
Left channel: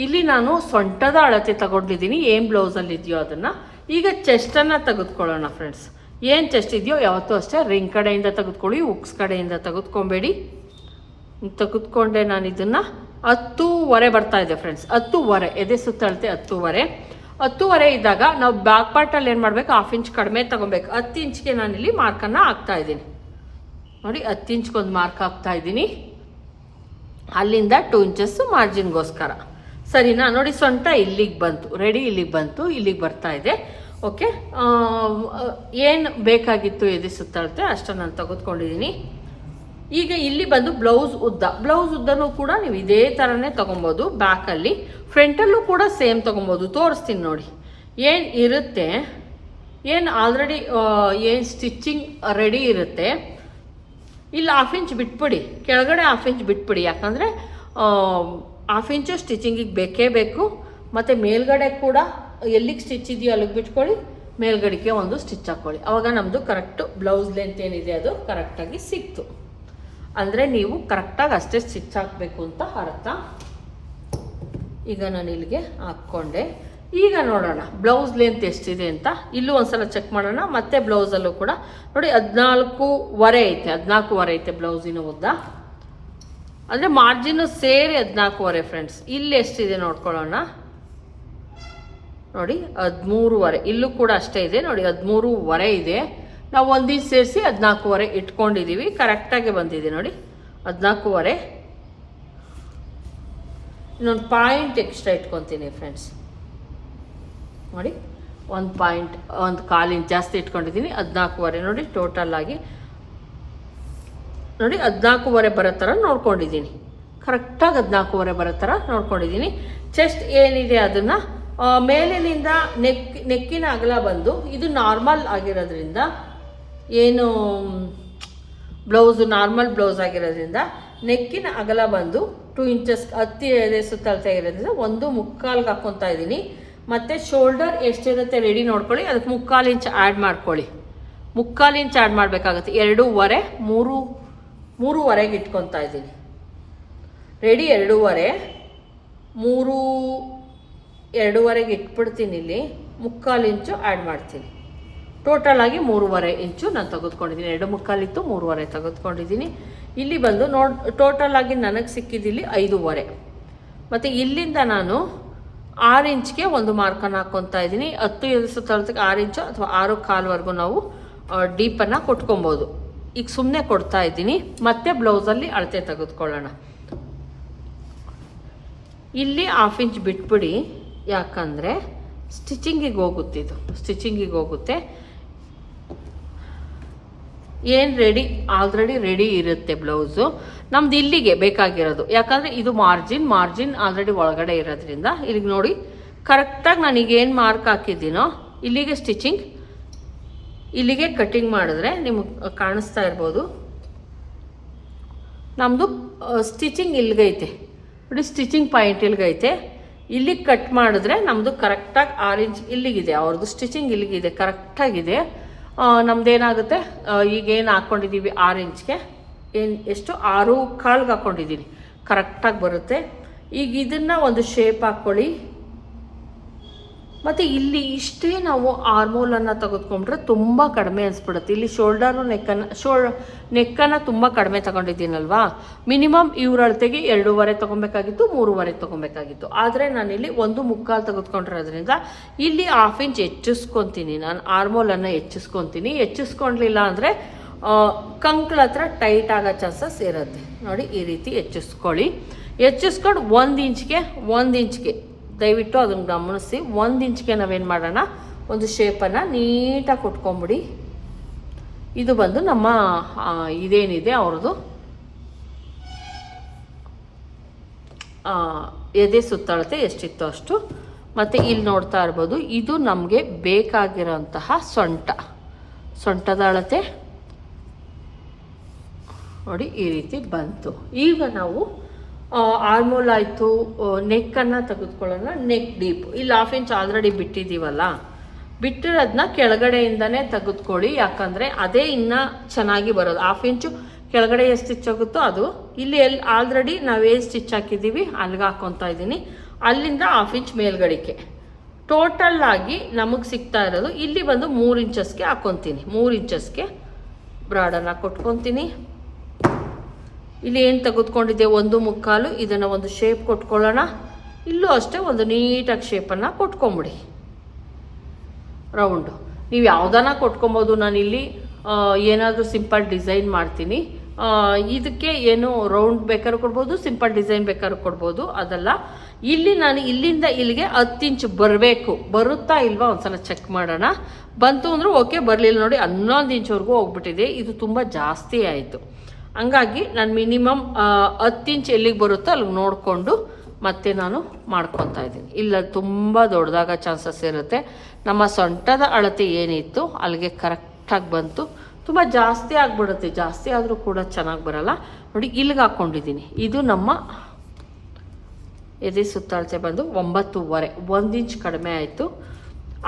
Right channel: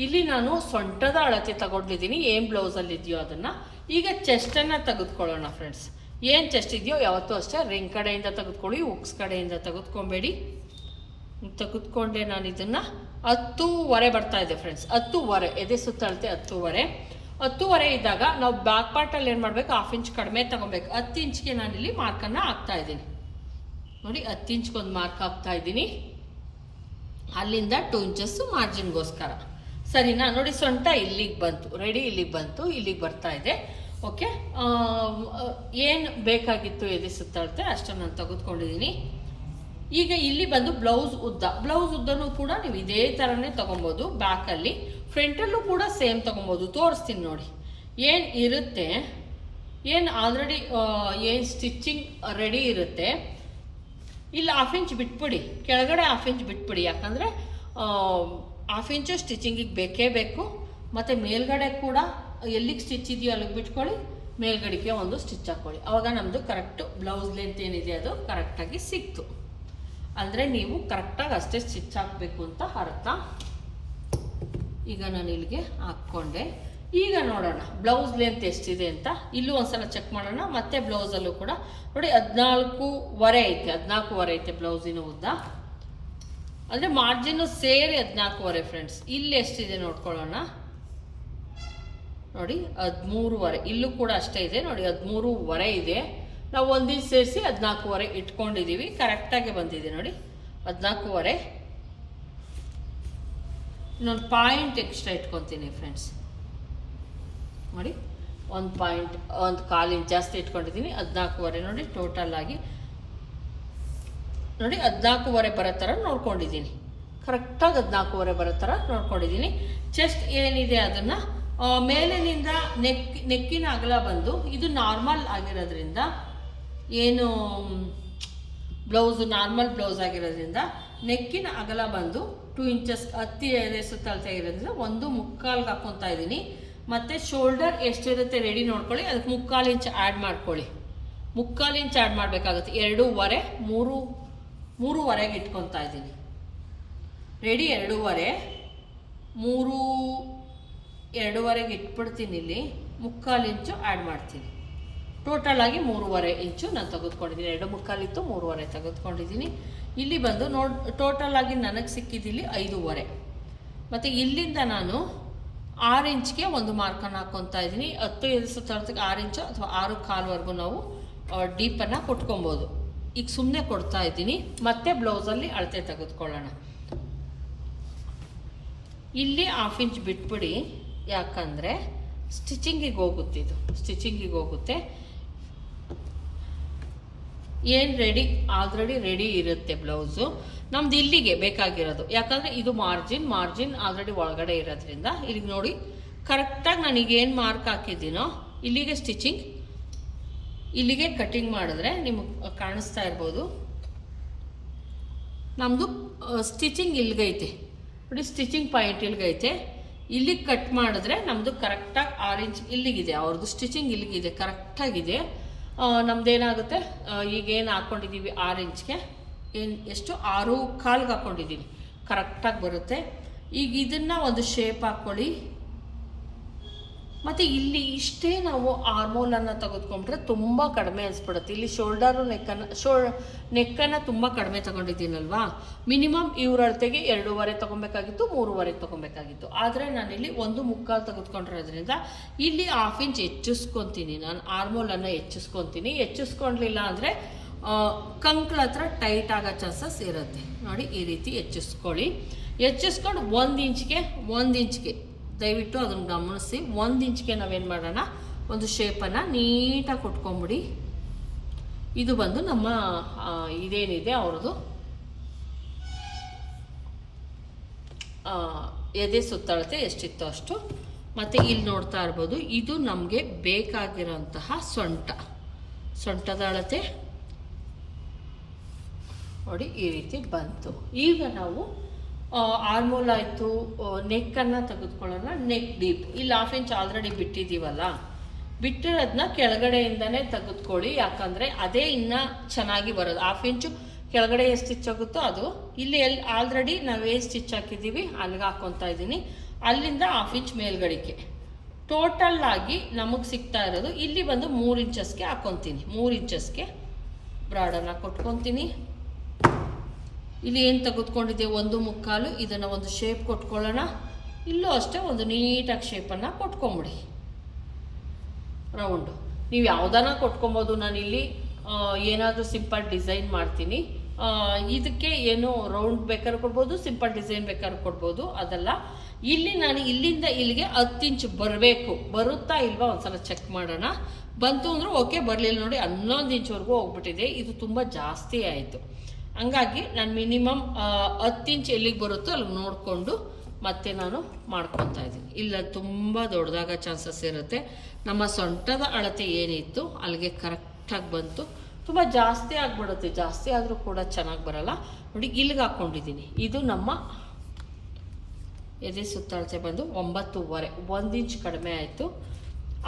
ಇಲ್ಲಿ ನಾನು ಸೊಂಟದ ಅಳತೆ ತಗೊಂಡಿದ್ದೀನಿ. ಏನು ಬ್ಲೌಸಲ್ಲಿ ಇದೆಯೋ ಅದನ್ನು. ಈಗ ಚೆಸ್ಟನ್ನು ತೆಗೆದುಕೊಳ್ಳೋಣ ಫ್ರೆಂಡ್ಸ್ ಏನು ಚೆಸ್ಟ್ ಇದೆಯೋ ಯಾವತ್ತೂ ಅಷ್ಟೇ ರಿಂಗ್ ಕಡೆಯಿಂದ ತೆಗೆದುಕೊಳ್ಳಿ ಉಕ್ಸ್ ಕಡೆಯಿಂದ ತೆಗೆದುಕೊಬೇಡಿ. ತೆಗೆದುಕೊಂಡೆ ನಾನು ಇದನ್ನು. ಹತ್ತೂವರೆ ಬರ್ತಾ ಇದೆ ಫ್ರೆಂಡ್ಸ್ ಹತ್ತೂವರೆ. ಎದೆ ಸುತ್ತಳತೆ ಹತ್ತೂವರೆ. ಹತ್ತೂವರೆ ಇದ್ದಾಗ ನಾವು ಬ್ಯಾಕ್ ಪಾರ್ಟಲ್ಲಿ ಏನು ಮಾಡಬೇಕು? ಹಾಫ್ ಇಂಚ್ ಕಡಿಮೆ ತಗೊಬೇಕು. ಹತ್ತು ಇಂಚ್ಗೆ ನಾನಿಲ್ಲಿ ಮಾರ್ಕನ್ನು ಹಾಕ್ತಾ ಇದ್ದೀನಿ. ನೋಡಿ ಹತ್ತು ಇಂಚ್ಗೊಂದು ಮಾರ್ಕ್ ಹಾಕ್ತಾ ಇದ್ದೀನಿ. ಅಲ್ಲಿಂದ ಟೂ ಇಂಚಸ್ ಮಾರ್ಜಿನ್ಗೋಸ್ಕರ ಸರಿನಾ? ನೋಡಿ ಸೊಂಟ ಇಲ್ಲಿಗೆ ಬಂತು. ರೆಡಿ ಇಲ್ಲಿಗೆ ಬಂತು. ಇಲ್ಲಿಗೆ ಬರ್ತಾ ಇದೆ. ಓಕೆ ಏನು ಬೇಕಾಗಿತ್ತು ಎದೆ ಸುತ್ತಾಡುತ್ತೆ ಅಷ್ಟ ನಾನು ತೆಗೆದುಕೊಂಡಿದ್ದೀನಿ ಈಗ ಇಲ್ಲಿ ಬಂದು ಬ್ಲೌಸ್ ಉದ್ದ. ಬ್ಲೌಸ್ ಉದ್ದನೂ ಕೂಡ ನೀವು ಇದೇ ಥರನೇ ತೊಗೊಬೋದು. ಬ್ಯಾಕಲ್ಲಿ ಫ್ರಂಟಲ್ಲೂ ಕೂಡ ಸೇಮ್ ತೊಗೊಬೋದು. ತೋರಿಸ್ತೀನಿ ನೋಡಿ. ಏನು ಇರುತ್ತೆ? ಏನು ಆಲ್ರೆಡಿ ಏನು ಸ್ಟಿಚ್ಚಿಂಗ್ ರೆಡಿ ಇರುತ್ತೆ? ಇಲ್ಲಿ ಹಾಫ್ ಇಂಚ್ ಬಿಟ್ಬಿಡಿ. ಕೆಳಗಡೆ ಹಾಫ್ ಇಂಚ್ ಬಿಟ್ಬಿಡಿ. ಯಾಕಂದರೆ ಹಾಫ್ ಇಂಚು ಸ್ಟಿಚಿಂಗಿಗೆ ಬೇಕೇ ಬೇಕು. ಮತ್ತು ಮೇಲ್ಗಡೆ ಕೂಡ ಎಲ್ಲಿಗೆ ಸ್ಟಿಚ್ ಇದೆಯೋ ಅಲ್ಲಿಗೆ ಬಿಟ್ಕೊಳ್ಳಿ. ಮೇಲ್ಗಡೆಗೆ ಒಂದು ಸ್ಟಿಚ್ ಹಾಕ್ಕೊಳ್ಳಿ ಆವಾಗ ನಮ್ಮದು ಕರೆಕ್ಟು ಬ್ಲೌಸ್ ಲೆಂತ್ ಏನಿದೆ ಅದು ಕರೆಕ್ಟಾಗಿ ಸಿಕ್ತು. ಅಂದರೆ ನೀವು ಕರೆಕ್ಟಾಗಿ ಅಷ್ಟೇ ಸ್ಟಿಚ್ ಹಾಕಬೇಕು ಅಂತ ಅರ್ಥ. ಈಗ ನಾನು ಇಲ್ಲಿಗೆ ಹಾಕ್ಕೊಂಡೆ. ಈಗ ನೋಡೋಣ ಬ್ಲೌಸ್ ಲೆಂತ್ ಎಷ್ಟಿದೆ ಅಂತ. ಇಲ್ಲೂ ಒಂದ್ಸಲ ಚೆಕ್ ಮಾಡೋಣ, ಮತ್ತೆ ಬ್ಲೌಸಲ್ಲೂ ಕೂಡ. ನೋಡಿ, ಹದಿನಾಲ್ಕೂವರೆ ಐತೆ ಹದಿನಾಲ್ಕೂವರೆ ಐತೆ ಬ್ಲೌಸಿನ ಉದ್ದ. ಅಂದರೆ ಮಾರ್ಜಿನ್ ಸೇರಿ ಹದಿನಾಲ್ಕೂವರೆ ಫ್ರೆಂಡ್ಸ್ ಇಲ್ಲಿ ಎಷ್ಟಿದೆ ನೋಡ್ಕೊಳ್ಳೋಣ. ನೋಡಿ, ಹದಿಮೂರುವರೆ. ಇಲ್ಲೂ ಕೂಡ ಅಷ್ಟೇ ಇದೆ. ನೋಡಿ, ಹದಿಮೂರುವರೆ ಇದೆ. ನಾವು ಒಂದಿನ ಸೇರಿಸಿ ಹದಿನಾಲ್ಕೂವರೆ ಇಟ್ಕೊಂಡಿದ್ದೀವಿ ಕರೆಕ್ಟಾಗಿ ಬಂದಿದೆ ನೋಡಿ. ಹದಿನಾಲ್ಕೂವರೆ. ಇನ್ನೊಂದು ಪಾಯಿಂಟ್ ಎಕ್ಸ್ಟ್ರಾ ಇಟ್ಕೊತೀನಿ ಫ್ರೆಂಡ್ಸ್ ನೋಡಿ, ಒಂದು ಪಾಯಿಂಟ್, ಒಂದು ಕಾಲು ಇಂಚ್ ಜಾಸ್ತಿ ಇಟ್ಕೊಂಡಿದ್ದೀನಿ ಹದಿನಾಲ್ಕೂವರೆ. ನೋಡಿ ಟೋಟಲ್ ಆಗಿ. ನೋಡಿ, ಹದಿನಾಲ್ಕೂವರೆ ಬರೋ ಥರ ನೋಡ್ಕೊಂಡಿದ್ದೀನಿ ಕರೆಕ್ಟಾಗಿ ಹದಿನಾಲ್ಕೂವರೆ ಬರೋ ಥರ ನೋಡ್ಕೊಂಡಿದ್ದೀನಿ ಚೆಸ್ಟ್ ಏನಿದೆ ಅದನ್ನು ಮೇಲಿನಿಂದ ನೆಕ್, ನೆಕ್ಕಿನ ಅಗಲ ಬಂದು, ಇದು ನಾರ್ಮಲ್ ಆಗಿರೋದ್ರಿಂದ, ಏನು ಬ್ಲೌಸು ನಾರ್ಮಲ್ ಬ್ಲೌಸ್ ಆಗಿರೋದ್ರಿಂದ, ನೆಕ್ಕಿನ ಅಗಲ ಬಂದು ಟೂ ಇಂಚಸ್ ಹತ್ತಿ ಎದೆ ಸುತ್ತಳತೆ ಇರೋದ್ರಿಂದ ಒಂದು ಮುಕ್ಕಾಲ್ಗೆ ಹಾಕ್ಕೊತಾ ಇದ್ದೀನಿ ಮತ್ತು ಶೋಲ್ಡರ್ ಎಷ್ಟಿರುತ್ತೆ ರೆಡಿ ನೋಡ್ಕೊಳ್ಳಿ. ಅದಕ್ಕೆ ಮುಕ್ಕಾಲು ಇಂಚ್ ಆ್ಯಡ್ ಮಾಡ್ಕೊಳ್ಳಿ. ಮುಕ್ಕಾಲು ಇಂಚ್ ಆ್ಯಡ್ ಮಾಡಬೇಕಾಗುತ್ತೆ. ಎರಡೂವರೆ, ಮೂರು, ಮೂರುವರೆಗೆ ಇಟ್ಕೊತಾ ಇದ್ದೀನಿ. ರೆಡಿ ಎರಡೂವರೆ, ಮೂರು, ಎರಡೂವರೆಗೆ ಇಟ್ಬಿಡ್ತೀನಿ ಇಲ್ಲಿ. ಮುಕ್ಕಾಲು ಇಂಚು ಆ್ಯಡ್ ಮಾಡ್ತೀನಿ. ಟೋಟಲ್ ಆಗಿ ಮೂರುವರೆ ಇಂಚು ನಾನು ತೆಗೆದುಕೊಂಡಿದ್ದೀನಿ. ಎರಡು ಮುಕ್ಕಾಲಿತ್ತು ಮೂರುವರೆ ತೆಗೆದುಕೊಂಡಿದ್ದೀನಿ. ಇಲ್ಲಿ ಬಂದು ನೋಡ್ ಟೋಟಲ್ ಆಗಿ ನನಗೆ ಸಿಕ್ಕಿದ್ದಿಲ್ಲಿ ಐದೂವರೆ. ಮತ್ತು ಇಲ್ಲಿಂದ ನಾನು ಆರು ಇಂಚ್ಗೆ ಒಂದು ಮಾರ್ಕನ್ನು ಹಾಕ್ಕೊತಾ ಇದ್ದೀನಿ. ಹತ್ತು ಎದುರಿಸೋ ತಳತೆಗೆ ಆರು ಇಂಚು ಅಥವಾ ಆರು ಕಾಲ್ವರೆಗೂ ನಾವು ಡೀಪನ್ನು ಕೊಟ್ಕೊಬೋದು. ಈಗ ಸುಮ್ಮನೆ ಕೊಡ್ತಾ ಇದ್ದೀನಿ. ಮತ್ತೆ ಬ್ಲೌಸಲ್ಲಿ ಅಳತೆ ತೆಗೆದುಕೊಳ್ಳೋಣ. ಇಲ್ಲಿ ಹಾಫ್ ಇಂಚ್ ಬಿಟ್ಬಿಡಿ. ಯಾಕಂದರೆ ಸ್ಟಿಚಿಂಗಿಗೆ ಹೋಗುತ್ತೆ ಇದು. ಸ್ಟಿಚಿಂಗಿಗೆ ಹೋಗುತ್ತೆ. ಏನು ರೆಡಿ ಆಲ್ರೆಡಿ ರೆಡಿ ಇರುತ್ತೆ ಬ್ಲೌಸು ನಮ್ದು ಇಲ್ಲಿಗೆ ಬೇಕಾಗಿರೋದು. ಯಾಕಂದರೆ ಇದು ಮಾರ್ಜಿನ್ ಮಾರ್ಜಿನ್ ಆಲ್ರೆಡಿ ಒಳಗಡೆ ಇರೋದ್ರಿಂದ ಇಲ್ಲಿಗೆ ನೋಡಿ ಕರೆಕ್ಟಾಗಿ ಈಗ ಏನು ಮಾರ್ಕ್ ಹಾಕಿದ್ದೀನೋ, ಇಲ್ಲಿಗೆ ಸ್ಟಿಚಿಂಗ್ ಇಲ್ಲಿಗೆ ಕಟ್ಟಿಂಗ್ ಮಾಡಿದ್ರೆ ನಿಮಗೆ ಕಾಣಿಸ್ತಾ ಇರ್ಬೋದು. ನಮ್ಮದು ಸ್ಟಿಚಿಂಗ್ ಇಲ್ಲಿಗೈತೆ ನೋಡಿ ಸ್ಟಿಚಿಂಗ್ ಪಾಯಿಂಟ್ ಇಲ್ಲಿಗೈತೆ ಇಲ್ಲಿಗೆ ಕಟ್ ಮಾಡಿದ್ರೆ ನಮ್ಮದು ಕರೆಕ್ಟಾಗಿ ಆರು ಇಂಚ್ ಇಲ್ಲಿಗಿದೆ. ಅವ್ರದ್ದು ಸ್ಟಿಚಿಂಗ್ ಇಲ್ಲಿಗಿದೆ ಕರೆಕ್ಟಾಗಿದೆ ನಮ್ದು ಏನಾಗುತ್ತೆ ಈಗೇನು ಹಾಕ್ಕೊಂಡಿದ್ದೀವಿ ಆರು ಇಂಚ್ಗೆ ಏನು ಎಷ್ಟು ಆರು ಕಾಲ್ಗೆ ಹಾಕ್ಕೊಂಡಿದ್ದೀನಿ ಕರೆಕ್ಟಾಗಿ ಬರುತ್ತೆ. ಈಗ ಇದನ್ನು ಒಂದು ಶೇಪ್ ಹಾಕ್ಕೊಳ್ಳಿ ಮತ್ತು ಇಲ್ಲಿ ಇಷ್ಟೇ ನಾವು ಆರ್ಮೋಲನ್ನು ತೆಗೆದುಕೊಂಡ್ರೆ ತುಂಬ ಕಡಿಮೆ ಅನಿಸ್ಬಿಡುತ್ತೆ. ಇಲ್ಲಿ ಶೋಲ್ಡರು ನೆಕ್ಕನ್ನು ಶೋಲ್ ನೆಕ್ಕನ್ನು ತುಂಬ ಕಡಿಮೆ ತಗೊಂಡಿದ್ದೀನಲ್ವಾ? ಮಿನಿಮಮ್ ಇವ್ರ ಅಳತೆಗೆ ಎರಡೂವರೆ ತೊಗೊಬೇಕಾಗಿತ್ತು, ಮೂರುವರೆ ತೊಗೊಬೇಕಾಗಿತ್ತು. ಆದರೆ ನಾನಿಲ್ಲಿ ಒಂದು ಮುಕ್ಕಾಲು ತೆಗೆದುಕೊಂಡಿರೋದ್ರಿಂದ ಇಲ್ಲಿ ಹಾಫ್ ಇಂಚ್ ಹೆಚ್ಚಿಸ್ಕೊತೀನಿ. ನಾನು ಆರ್ಮೋಲನ್ನು ಹೆಚ್ಚಿಸ್ಕೊತೀನಿ. ಹೆಚ್ಚಿಸ್ಕೊಳ್ಲಿಲ್ಲ ಅಂದರೆ ಕಂಕ್ಳ ಹತ್ರ ಟೈಟ್ ಆಗೋ ಚಾನ್ಸಸ್ ಇರುತ್ತೆ. ನೋಡಿ, ಈ ರೀತಿ ಹೆಚ್ಚಿಸ್ಕೊಳ್ಳಿ. ಹೆಚ್ಚಿಸ್ಕೊಂಡು ಒಂದು ಇಂಚ್ಗೆ ಒಂದು ಇಂಚ್ಗೆ. ದಯವಿಟ್ಟು ಅದನ್ನು ಗಮನಿಸಿ. ಒಂದು ಇಂಚ್ಗೆ ನಾವೇನು ಮಾಡೋಣ? ಒಂದು ಶೇಪನ್ನು ನೀಟಾಗಿ ಕೊಟ್ಕೊಂಬಿಡಿ. ಇದು ಬಂದು ನಮ್ಮ ಇದೇನಿದೆ ಅವ್ರದ್ದು? ಎದೆ ಸುತ್ತಳತೆ ಎಷ್ಟಿತ್ತು ಅಷ್ಟು. ಮತ್ತು ಇಲ್ಲಿ ನೋಡ್ತಾ ಇರ್ಬೋದು, ಇದು ನಮಗೆ ಬೇಕಾಗಿರೋಂತಹ ಸೊಂಟ. ಸೊಂಟದ ಅಳತೆ. ನೋಡಿ ಈ ರೀತಿ ಬಂತು. ಈಗ ನಾವು ಆರ್ಮೋಲ್ ಆಯಿತು ನೆಕ್ಕನ್ನು ತೆಗೆದುಕೊಳ್ಳೋಣ. ನೆಕ್ ಡೀಪ್ ಇಲ್ಲಿ ಹಾಫ್ ಇಂಚ್ ಆಲ್ರೆಡಿ ಬಿಟ್ಟಿದ್ದೀವಲ್ಲ? ಬಿಟ್ಟಿರೋದನ್ನ ಕೆಳಗಡೆಯಿಂದನೇ ತೆಗೆದುಕೊಳ್ಳಿ. ಯಾಕಂದರೆ ಅದೇ ಇನ್ನೂ ಚೆನ್ನಾಗಿ ಬರೋದು. ಹಾಫ್ ಇಂಚು ಕೆಳಗಡೆ ಎಷ್ಟು ಸ್ಟಿಚ್ ಆಗುತ್ತೋ ಅದು. ಇಲ್ಲಿ ಎಲ್ಲಿ ಆಲ್ರೆಡಿ ನಾವೇ ಸ್ಟಿಚ್ ಹಾಕಿದ್ದೀವಿ? ಅಲ್ಲಿಗೆ ಹಾಕ್ಕೊತಾ ಇದ್ದೀನಿ. ಅಲ್ಲಿಂದ ಹಾಫ್ ಇಂಚ್ ಮೇಲ್ಗಡೆಗೆ ಟೋಟಲ್ ಆಗಿ ನಮಗೆ ಸಿಗ್ತಾ ಇರೋದು, ಇಲ್ಲಿ ಬಂದು ಮೂರು ಇಂಚಸ್ಗೆ ಹಾಕ್ಕೊತೀನಿ ಮೂರು ಇಂಚಸ್ಗೆ ಬ್ರಾಡನ್ನು ಕೊಟ್ಕೊತೀನಿ. ಇಲ್ಲಿ ಏನು ತೆಗೆದುಕೊಂಡಿದ್ದೆ? ಒಂದು ಮುಕ್ಕಾಲು, ಇದನ್ನು ಒಂದು ಶೇಪ್ ಕೊಟ್ಕೊಳ್ಳೋಣ. ಇಲ್ಲೂ ಅಷ್ಟೇ ಒಂದು ನೀಟಾಗಿ ಶೇಪನ್ನು ಕೊಟ್ಕೊಂಬಿಡಿ. ರೌಂಡು. ನೀವು ಯಾವುದನ್ನ ಕೊಟ್ಕೊಬೋದು. ನಾನಿಲ್ಲಿ ಏನಾದರೂ ಸಿಂಪಲ್ ಡಿಸೈನ್ ಮಾಡ್ತೀನಿ. ಇದಕ್ಕೆ ಏನು ರೌಂಡ್ ಬೇಕಾದ್ರೂ ಕೊಡ್ಬೋದು ಸಿಂಪಲ್ ಡಿಸೈನ್ ಬೇಕಾದ್ರೂ ಕೊಡ್ಬೋದು. ಅದಲ್ಲ, ಇಲ್ಲಿ ನಾನು ಇಲ್ಲಿಂದ ಇಲ್ಲಿಗೆ ಹತ್ತು ಇಂಚ್ ಬರಬೇಕು. ಬರುತ್ತಾ ಇಲ್ವಾ ಒಂದ್ಸಲ ಚೆಕ್ ಮಾಡೋಣ. ಬಂತು ಅಂದ್ರೆ ಓಕೆ ಬರಲಿಲ್ಲ ನೋಡಿ, ಹನ್ನೊಂದು ಇಂಚ್ವರೆಗೂ ಹೋಗ್ಬಿಟ್ಟಿದೆ. ಇದು ತುಂಬ ಜಾಸ್ತಿ ಆಯಿತು. ಹಂಗಾಗಿ ನಾನು ಮಿನಿಮಮ್ ಹತ್ತು ಇಂಚ್ ಎಲ್ಲಿಗೆ ಬರುತ್ತೋ ಅಲ್ಲಿಗೆ ನೋಡಿಕೊಂಡು ಮತ್ತೆ ನಾನು ಮಾಡ್ಕೊತಾ ಇದ್ದೀನಿ. ಇಲ್ಲ ತುಂಬ ದೊಡ್ಡದಾಗ ಚಾನ್ಸಸ್ ಇರುತ್ತೆ. ನಮ್ಮ ಸೊಂಟದ ಅಳತೆ ಏನಿತ್ತು, ಅಲ್ಲಿಗೆ ಕರೆಕ್ಟಾಗಿ ಬಂತು. ತುಂಬ ಜಾಸ್ತಿ ಆಗಿಬಿಡುತ್ತೆ. ಜಾಸ್ತಿ ಆದರೂ ಕೂಡ ಚೆನ್ನಾಗಿ ಬರಲ್ಲ. ನೋಡಿ, ಇಲ್ಲಿಗೆ ಹಾಕ್ಕೊಂಡಿದ್ದೀನಿ ಇದು ನಮ್ಮ ಎದೆ ಸುತ್ತಾಳತೆ ಬಂದು ಒಂಬತ್ತೂವರೆ. ಒಂದು ಇಂಚ್ ಕಡಿಮೆ ಆಯಿತು.